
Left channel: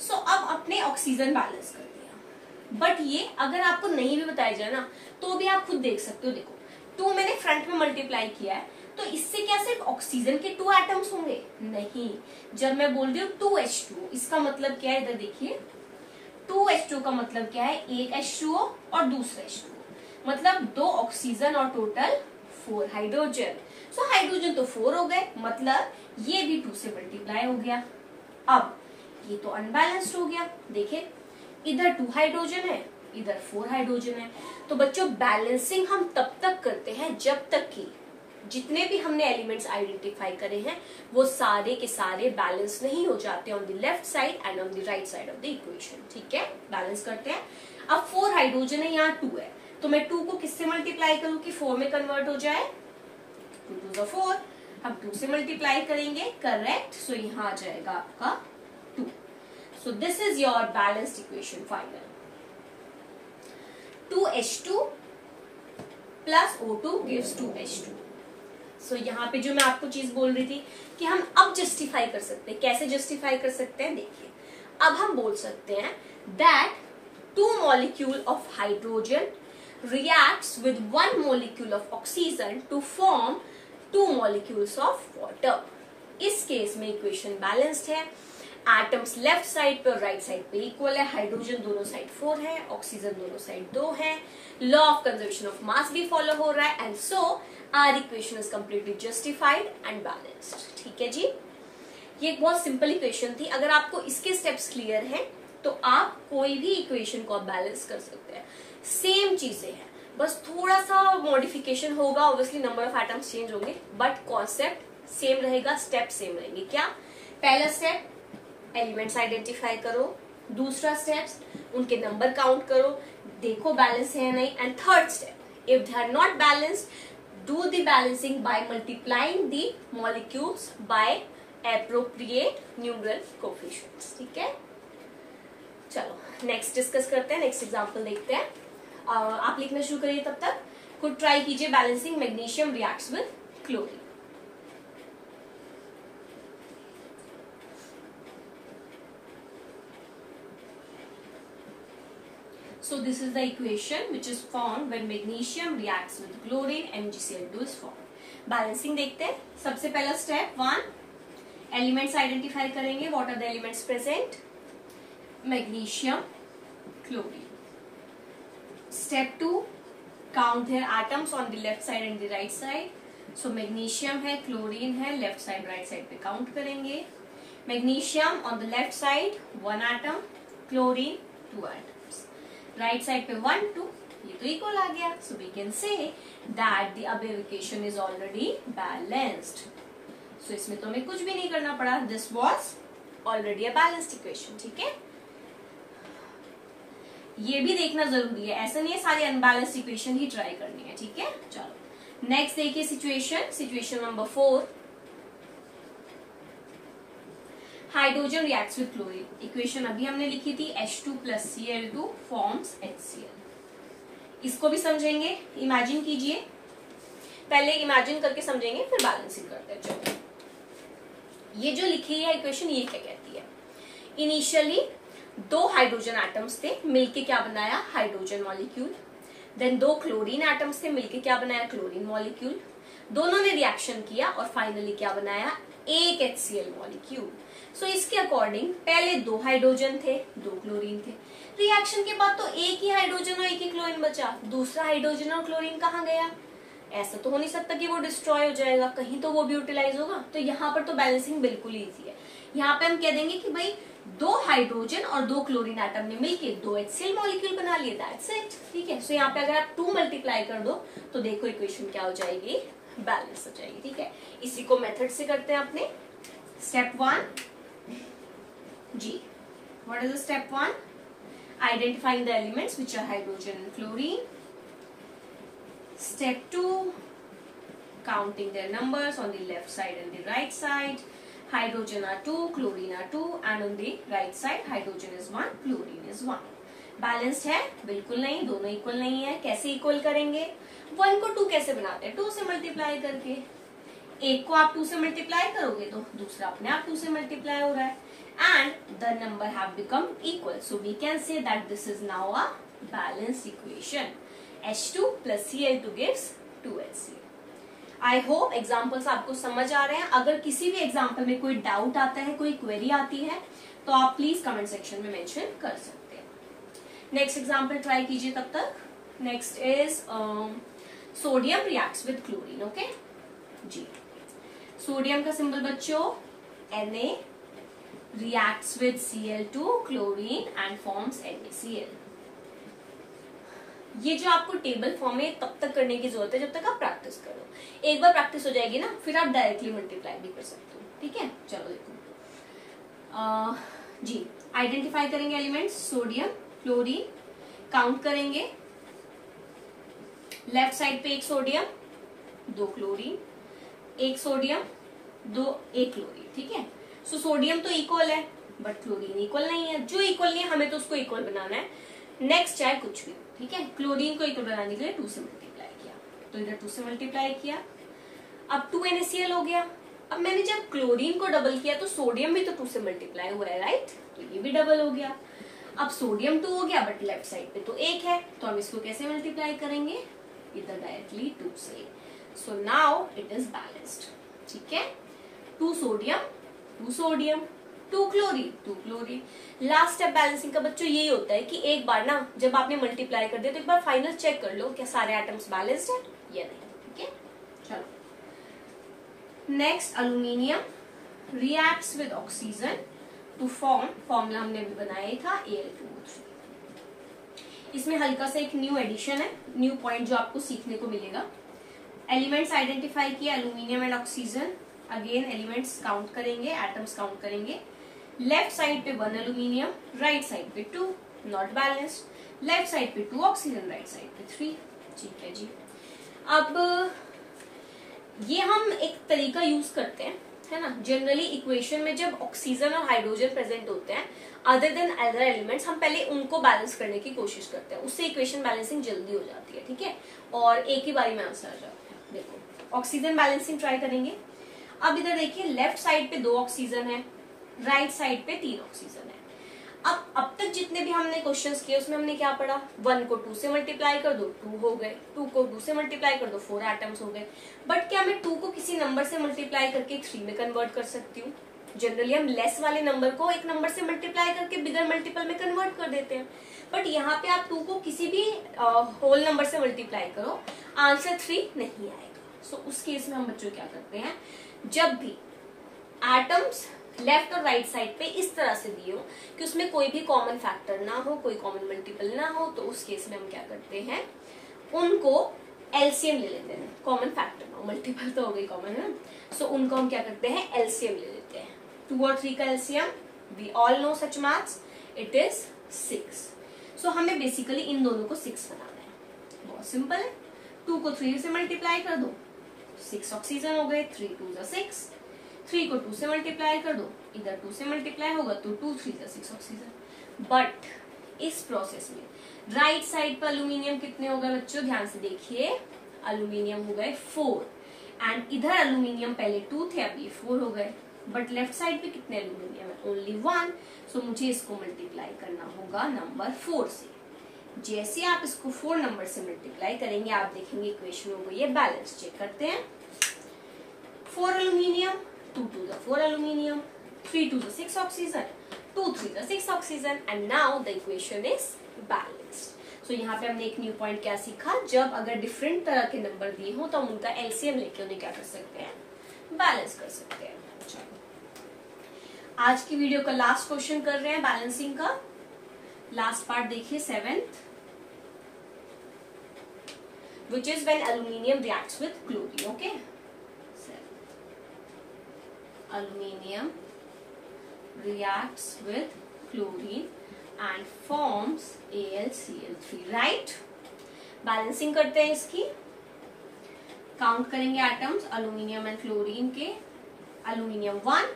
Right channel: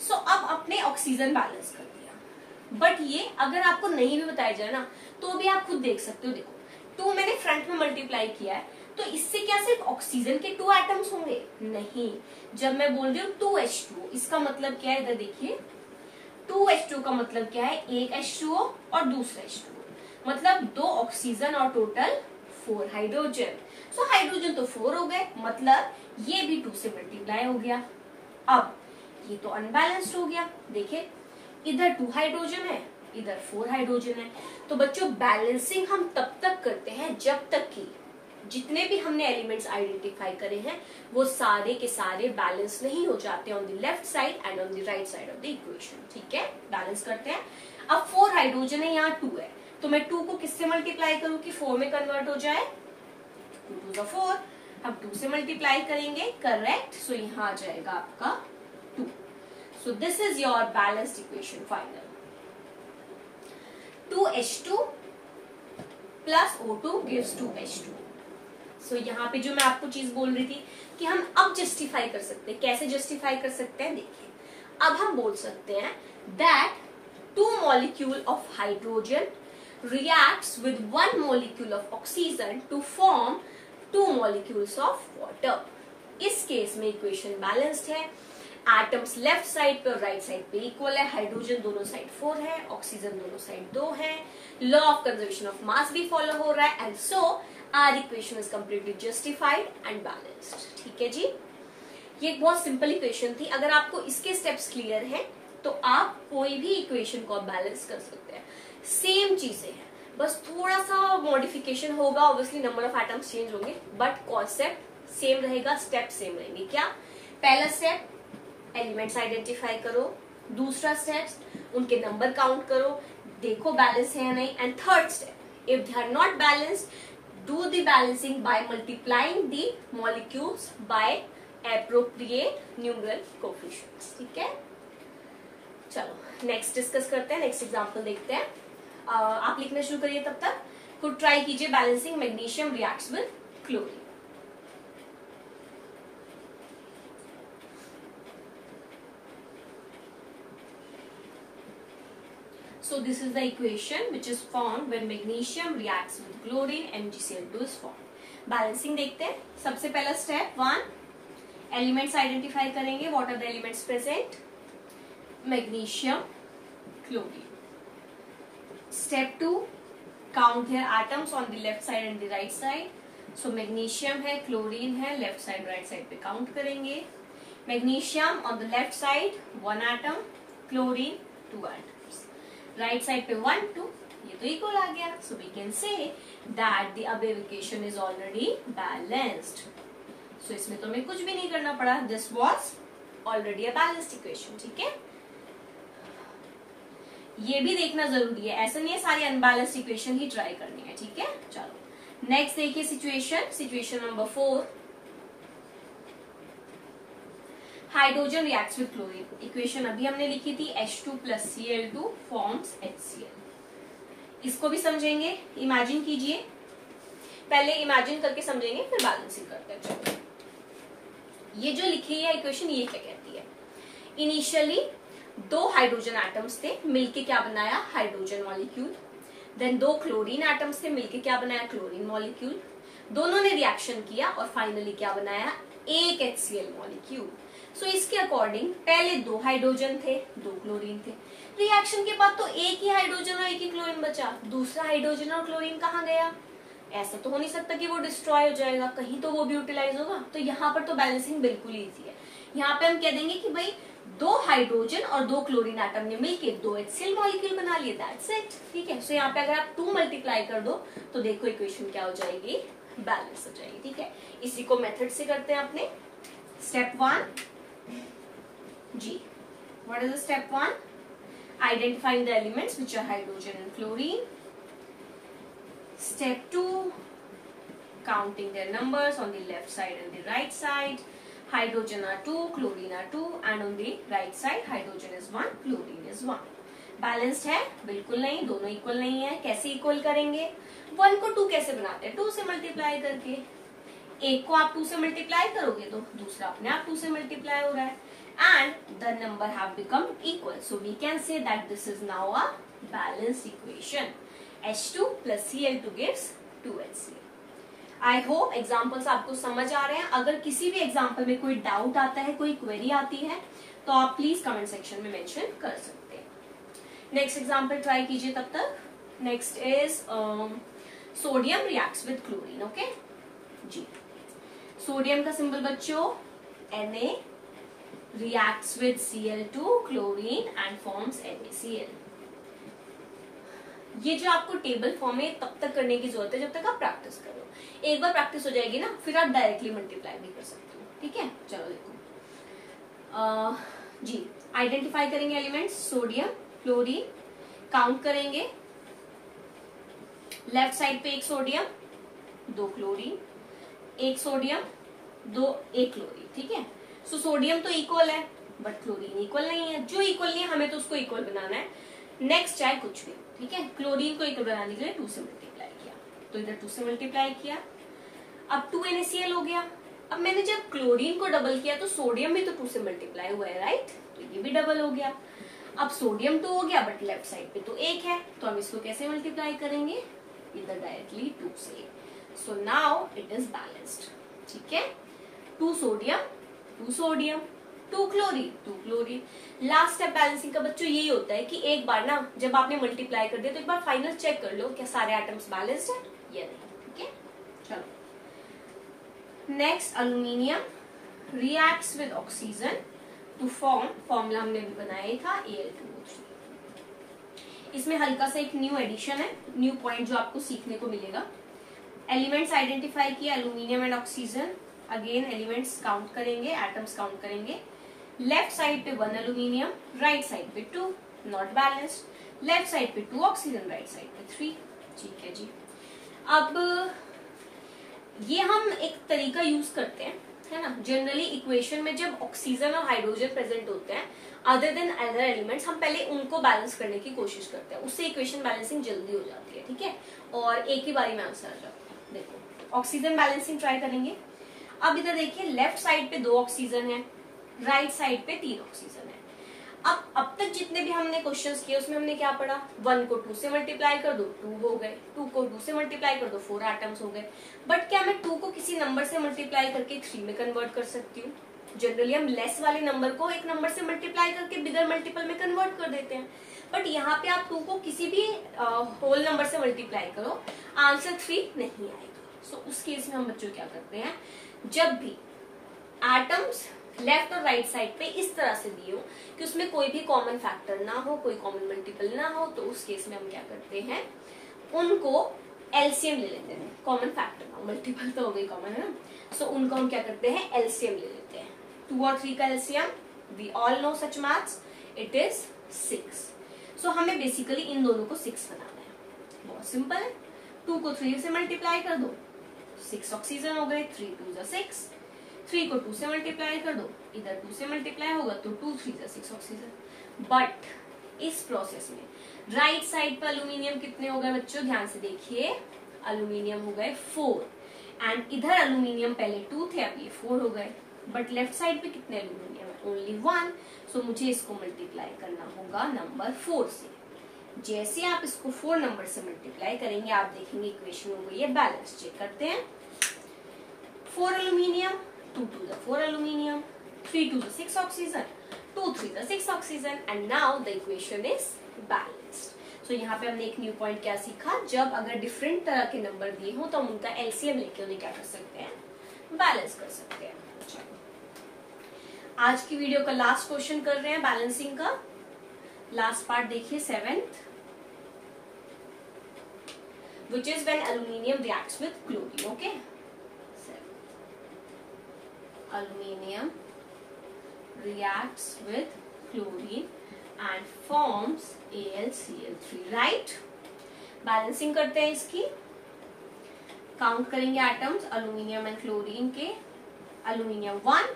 So अब अपने ऑक्सीजन बैलेंस कर दिया, बट ये अगर आपको नहीं भी बताया जाए ना तो भी आप खुद देख सकते हो। देखो 2 मैंने फ्रंट में मल्टीप्लाई किया है, तो इससे क्या सिर्फ ऑक्सीजन के 2 एटम्स होंगे? नहीं, जब मैं बोल रही हूँ 2H2, इसका मतलब क्या है? इधर देखिए, 2H2 का मतलब क्या है? एक H2O और दूसरा H2O, मतलब 2 ऑक्सीजन और टोटल 4 हाइड्रोजन। सो हाइड्रोजन तो 4 हो गए, मतलब ये भी 2 से मल्टीप्लाई हो गया। अब ये तो अनबैलेंस्ड हो गया। देखिए इधर 2 हाइड्रोजन है, इधर 4 हाइड्रोजन है। तो बच्चों बैलेंसिंग हम तब तक करते हैं जब तक कि जितने भी हमने एलिमेंट्स आइडेंटिफाई करे हैं वो सारे के सारे बैलेंस नहीं हो जाते on the left side and on the right side of the equation. ठीक है, बैलेंस करते हैं। अब 4 हाइड्रोजन है, यहाँ 2 है, तो मैं 2 को किससे मल्टीप्लाई करूं कि 4 में कन्वर्ट हो जाए? 2 to the 4। अब 2 से मल्टीप्लाई करेंगे, करेक्ट। सो यहाँ आ जाएगा आपका 2। सो this is your balanced equation final. 2H2 plus O2 gives 2H2। सो यहाँ पे जो मैं आपको चीज बोल रही थी कि हम अब जस्टिफाई कर सकते हैं। कैसे जस्टिफाई कर सकते हैं? देखिए, अब हम बोल सकते हैं that 2 molecule of hydrogen reacts with 1 molecule of oxygen to form 2 molecules of water। इस केस में इक्वेशन बैलेंस्ड है। एटम्स लेफ्ट साइड पे और राइट साइड पे इक्वल है। हाइड्रोजन दोनों साइड 4 है, ऑक्सीजन दोनों साइड 2 है। Law of conservation of mass भी फॉलो हो रहा है, and so our equation is completely justified and balanced. ठीक है जी, ये एक बहुत सिंपल इक्वेशन थी। अगर आपको इसके स्टेप्स क्लियर हैं तो आप कोई भी इक्वेशन को बैलेंस कर सकते हैं। सेम चीजें हैं, बस थोड़ा सा मॉडिफिकेशन होगा, obviously number of atoms change होंगे, बट कॉन्सेप्ट सेम रहेगा, स्टेप सेम रहेंगे। क्या? पहला स्टेप एलिमेंट्स आइडेंटिफाई करो, दूसरा स्टेप उनके नंबर काउंट करो, देखो बैलेंस है या नहीं, and third step if they are not balanced do the balancing by multiplying the molecules by appropriate numeral coefficients. ठीक है, चलो नेक्स्ट डिस्कस करते हैं, नेक्स्ट एग्जांपल देखते हैं। आप लिखना शुरू करिए, तब तक खुद ट्राई कीजिए। Balancing magnesium reacts with chlorine. So this is the equation which is formed when magnesium reacts with chlorine, MgCl2 is formed. Balancing देखते हैं। सबसे पहला स्टेप 1, एलिमेंट्स आइडेंटिफाई करेंगे। What are the elements present? Magnesium, chlorine. Step 2, count their atoms on the left side and the right side. So magnesium है, chlorine है, left side right side पे count करेंगे। Magnesium on the left side 1 atom, chlorine 2 atom. Right side पे 1 2, ये तो equal आ गया। So we can say that the above equation is already balanced. So इसमें तो हमें कुछ भी नहीं करना पड़ा, this was already a balanced equation. ठीक है, ये भी देखना जरूरी है, ऐसा नहीं है सारी अनबैलेंस्ड इक्वेशन ही ट्राई करनी है। ठीक है, चलो नेक्स्ट देखिए situation number 4। Hydrogen reacts with chlorine. Equation अभी हमने लिखी थी H2 plus Cl2 forms HCl। इसको भी समझेंगे, इमेजिन कीजिए। पहले इमेजिन करके समझेंगे, फिर बैलेंसिंग करते हैं। चलो ये जो लिखी है इक्वेशन, ये क्या कहती है? इनिशियली 2 हाइड्रोजन एटम्स थे, मिलके क्या बनाया? Hydrogen molecule. Then 2 chlorine atoms थे, मिलके क्या बनाया? Chlorine molecule. दोनों ने रिएक्शन किया और फाइनली क्या बनाया? एक HCl मॉलिक्यूल। सो इसके अकॉर्डिंग पहले 2 हाइड्रोजन थे, 2 क्लोरीन थे। रिएक्शन के बाद तो एक ही हाइड्रोजन और एक ही क्लोरीन बचा। दूसरा हाइड्रोजन और क्लोरीन कहाँ गया? ऐसा तो हो नहीं सकता कि वो डिस्ट्रॉय हो जाएगा, कहीं तो वो भी यूटिलाइज होगा। तो यहाँ पर तो बैलेंसिंग बिल्कुल ईजी है। यहाँ पे हम कह देंगे कि भाई 2 हाइड्रोजन और 2 क्लोरीन एटम ने मिलकर 2 HCl मॉलिक्यूल बना लिया, दैट्स इट। ठीक है, सो यहाँ पे अगर आप 2 मल्टीप्लाई कर दो तो देखो इक्वेशन क्या हो जाएगी, बैलेंस हो जाएगी। ठीक है, इसी को मेथड से करते हैं अपने। स्टेप 1 जी, what is step 1? Identifying the elements which are hydrogen and chlorine. Step 2, counting their numbers on the left side and the right side. Hydrogen are 2, chlorine are 2, and on the right side hydrogen is 1, chlorine is 1. Balanced है? बिल्कुल नहीं, दोनों equal नहीं है। कैसे equal करेंगे? 1 को 2 कैसे बनाते हैं? 2 से मल्टीप्लाई करके। एक को आप 2 से मल्टीप्लाई करोगे तो दूसरा अपने आप 2 से मल्टीप्लाई हो रहा है, and the number have become equal. So we can say that this is now a balanced equation. H2 plus Cl2 gives 2HCl. I hope examples आपको समझ आ रहे हैं। अगर किसी भी एग्जाम्पल में कोई डाउट आता है, कोई क्वेरी आती है, तो आप प्लीज कमेंट सेक्शन में मेंशन कर सकते हैं। नेक्स्ट एग्जाम्पल ट्राई कीजिए तब तक। Next is sodium reacts with chlorine. Okay जी, सोडियम का सिंबल बच्चों Na, reacts with Cl2, chlorine and forms NaCl. ये जो आपको टेबल फॉर्म है तब तक करने की जरूरत है जब तक आप प्रैक्टिस करो। एक बार प्रैक्टिस हो जाएगी ना, फिर आप डायरेक्टली मल्टीप्लाई भी कर सकते हो। ठीक है, चलो देखो जी, आइडेंटिफाई करेंगे एलिमेंट्स सोडियम क्लोरीन, काउंट करेंगे। लेफ्ट साइड पे 1 सोडियम 2 क्लोरीन, 1 सोडियम 1 क्लोरीन। ठीक है, सो सोडियम तो इक्वल है बट क्लोरीन इक्वल नहीं है। जो इक्वल नहीं है हमें तो उसको इक्वल बनाना है। नेक्स्ट चाहे कुछ भी। ठीक है, क्लोरीन को इक्वल बनाने के लिए 2 से मल्टीप्लाई किया, तो इधर 2 से मल्टीप्लाई किया, अब 2 NaCl हो गया। अब मैंने जब क्लोरीन को डबल किया तो सोडियम भी तो 2 से मल्टीप्लाई हुआ है, राइट? तो ये भी डबल हो गया। अब सोडियम 2 हो गया बट लेफ्ट साइड पे तो 1 है, तो हम इसको कैसे मल्टीप्लाई करेंगे? इधर डायरेक्टली 2 से। So now it is balanced. ठीक है, 2 sodium 2 sodium 2 chlorine 2 chlorine. Last step balancing का बच्चों यही होता है कि एक बार ना जब आपने मल्टीप्लाई कर दिया तो एक बार फाइनल चेक कर लो क्या सारे एटम्स बैलेंस्ड है या नहीं। ठीक है, चलो next, aluminium reacts with oxygen to formula हमने भी बनाया था Al2O3। इसमें हल्का सा एक न्यू एडिशन है, न्यू पॉइंट जो आपको सीखने को मिलेगा। एलिमेंट्स आइडेंटिफाई किया, aluminium and oxygen. Again elements count करेंगे, एटम्स काउंट करेंगे। लेफ्ट साइड पे 1 अल्यूमिनियम, राइट साइड पे 2, नॉट बैलेंस्ड। लेफ्ट साइड पे 2 ऑक्सीजन, राइट साइड पे 3। ठीक है जी, अब ये हम एक तरीका यूज करते हैं, है ना। जनरली इक्वेशन में जब ऑक्सीजन और हाइड्रोजन प्रेजेंट होते हैं अदर देन अदर एलिमेंट्स, हम पहले उनको बैलेंस करने की कोशिश करते हैं, उससे इक्वेशन बैलेंसिंग जल्दी हो जाती है। ठीक है, और एक ही बारी में आंसर आ जाता है। देखो ऑक्सीजन बैलेंसिंग ट्राई करेंगे। अब इधर देखिए, लेफ्ट साइड पे 2 ऑक्सीजन है, राइट साइड पे 3 ऑक्सीजन है। अब तक जितने भी हमने क्वेश्चंस किए उसमें हमने क्या पढ़ा? 1 को 2 से मल्टीप्लाई कर दो 2 हो गए, 2 को 2 से मल्टीप्लाई कर दो 4 एटम्स हो गए। बट क्या मैं 2 को किसी नंबर से मल्टीप्लाई करके 3 में कन्वर्ट कर सकती हूँ? जनरली हम लेस वाले नंबर को एक नंबर से मल्टीप्लाई करके बिगर मल्टीपल में कन्वर्ट कर देते हैं, बट यहाँ पे आप 2 को किसी भी होल नंबर से मल्टीप्लाई करो, आंसर 3 नहीं आएगा। सो उस केस में हम बच्चों क्या करते हैं, जब भी एटम्स लेफ्ट और राइट साइड पे इस तरह से दिए हो कि उसमें कोई भी कॉमन फैक्टर ना हो, कोई कॉमन मल्टीपल ना हो, तो उस केस में हम क्या करते हैं, उनको एलसीएम ले लेते हैं। कॉमन फैक्टर ना हो, मल्टीपल तो हो गई कॉमन है, सो उनको हम क्या करते हैं, एलसीएम ले लेते हैं। 2 और 3 का LCM, we all know such maths, it is 6। So हमें बेसिकली इन दोनों को 6 बनाना है। बहुत सिंपल है, 2 को 3 से मल्टीप्लाई कर दो, 6 ऑक्सीजन हो गए, 3 2 जा 6। 3 को 2 से मल्टीप्लाई कर दो, इधर 2 से मल्टीप्लाई होगा तो 2 3 जा 6 ऑक्सीजन। बट इस प्रोसेस में राइट साइड पर अल्यूमिनियम कितने हो गए बच्चों, ध्यान से देखिए, अल्यूमिनियम हो गए 4, एंड इधर अल्यूमिनियम पहले 2 थे, अब ये 4 हो गए। बट लेफ्ट साइड पे कितने अल्यूमिनियम है, ओनली 1। सो मुझे इसको मल्टीप्लाई करना होगा नंबर 4 से। जैसे आप इसको 4 नंबर से मल्टीप्लाई करेंगे आप देखेंगे इक्वेशन हो गई है बैलेंस। चेक करते हैं, 4 अल्यूमिनियम, 2 2 जा 4 अल्यूमिनियम, 3 2 जा 6 ऑक्सीजन, 2 3 जा 6 oxygen, and now the equation is balanced. So यहाँ पे हमने एक न्यू पॉइंट क्या सीखा, जब अगर डिफरेंट तरह के नंबर दिए हो तो हम उनका एलसीएम लेके उन्हें क्या कर सकते हैं, बैलेंस कर सकते हैं। आज की वीडियो का लास्ट क्वेश्चन कर रहे हैं बैलेंसिंग का। लास्ट पार्ट देखिए 7th, which is when aluminium reacts with chlorine. Okay, aluminium reacts with chlorine and forms AlCl3. right? Balancing करते हैं इसकी, काउंट करेंगे एटम्स अल्यूमिनियम एंड क्लोरीन के। Aluminium 1,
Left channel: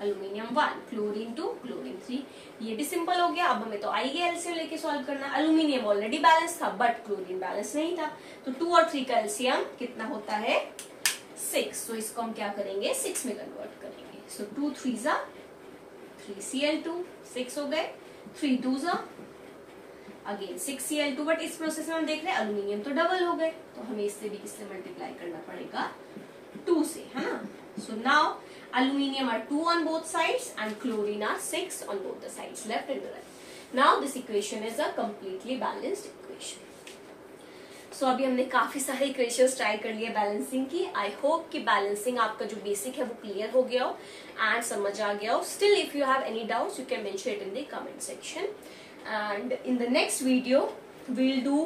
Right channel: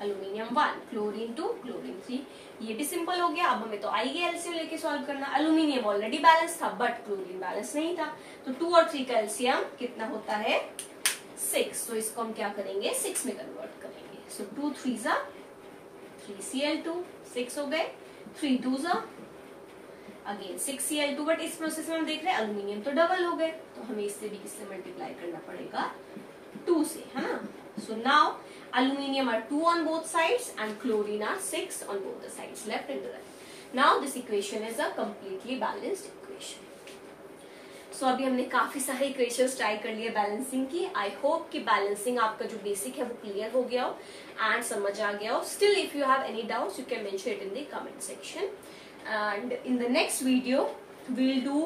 aluminium 1, chlorine 2, chlorine 3। ये भी सिंपल हो गया। अब हमें तो आएगी एलसीएम लेके सॉल्व करना। अल्यूमिनियम ऑलरेडी बैलेंस था बट क्लोरीन बैलेंस नहीं था, तो 2 और 3 का एलसीएम कितना होता है 6। तो इसको हम क्या करेंगे 6 में कन्वर्ट करेंगे। सो 2 3 जा 3Cl2, 6 हो गए। 3 2 जा अगेन 6Cl2, बट इस प्रोसेस में हम देख रहे हैं अल्यूमिनियम तो डबल हो गए, तो हमें इससे भी किससे मल्टीप्लाई करना पड़ेगा 2 से, है ना। So now aluminium are 2 on both sides and chlorine are 6 on both the sides, left and right. Now this equation is a completely balanced equation. So अभी हमने काफी सारे इक्वेशंस ट्राई कर लिए बैलेंसिंग की। आई होप कि balancing आपका जो बेसिक है वो क्लियर हो गया हो एंड समझ आ गया हो। Still if you have any doubts you can mention it in the comment section, and in the next video we'll do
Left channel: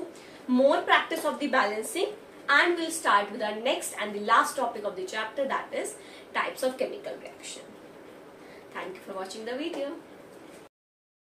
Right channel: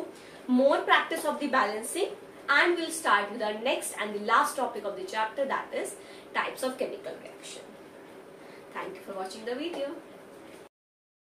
more practice of the balancing and we'll start with our next and the last topic of the chapter, that is types of chemical reaction. Thank you for watching the video.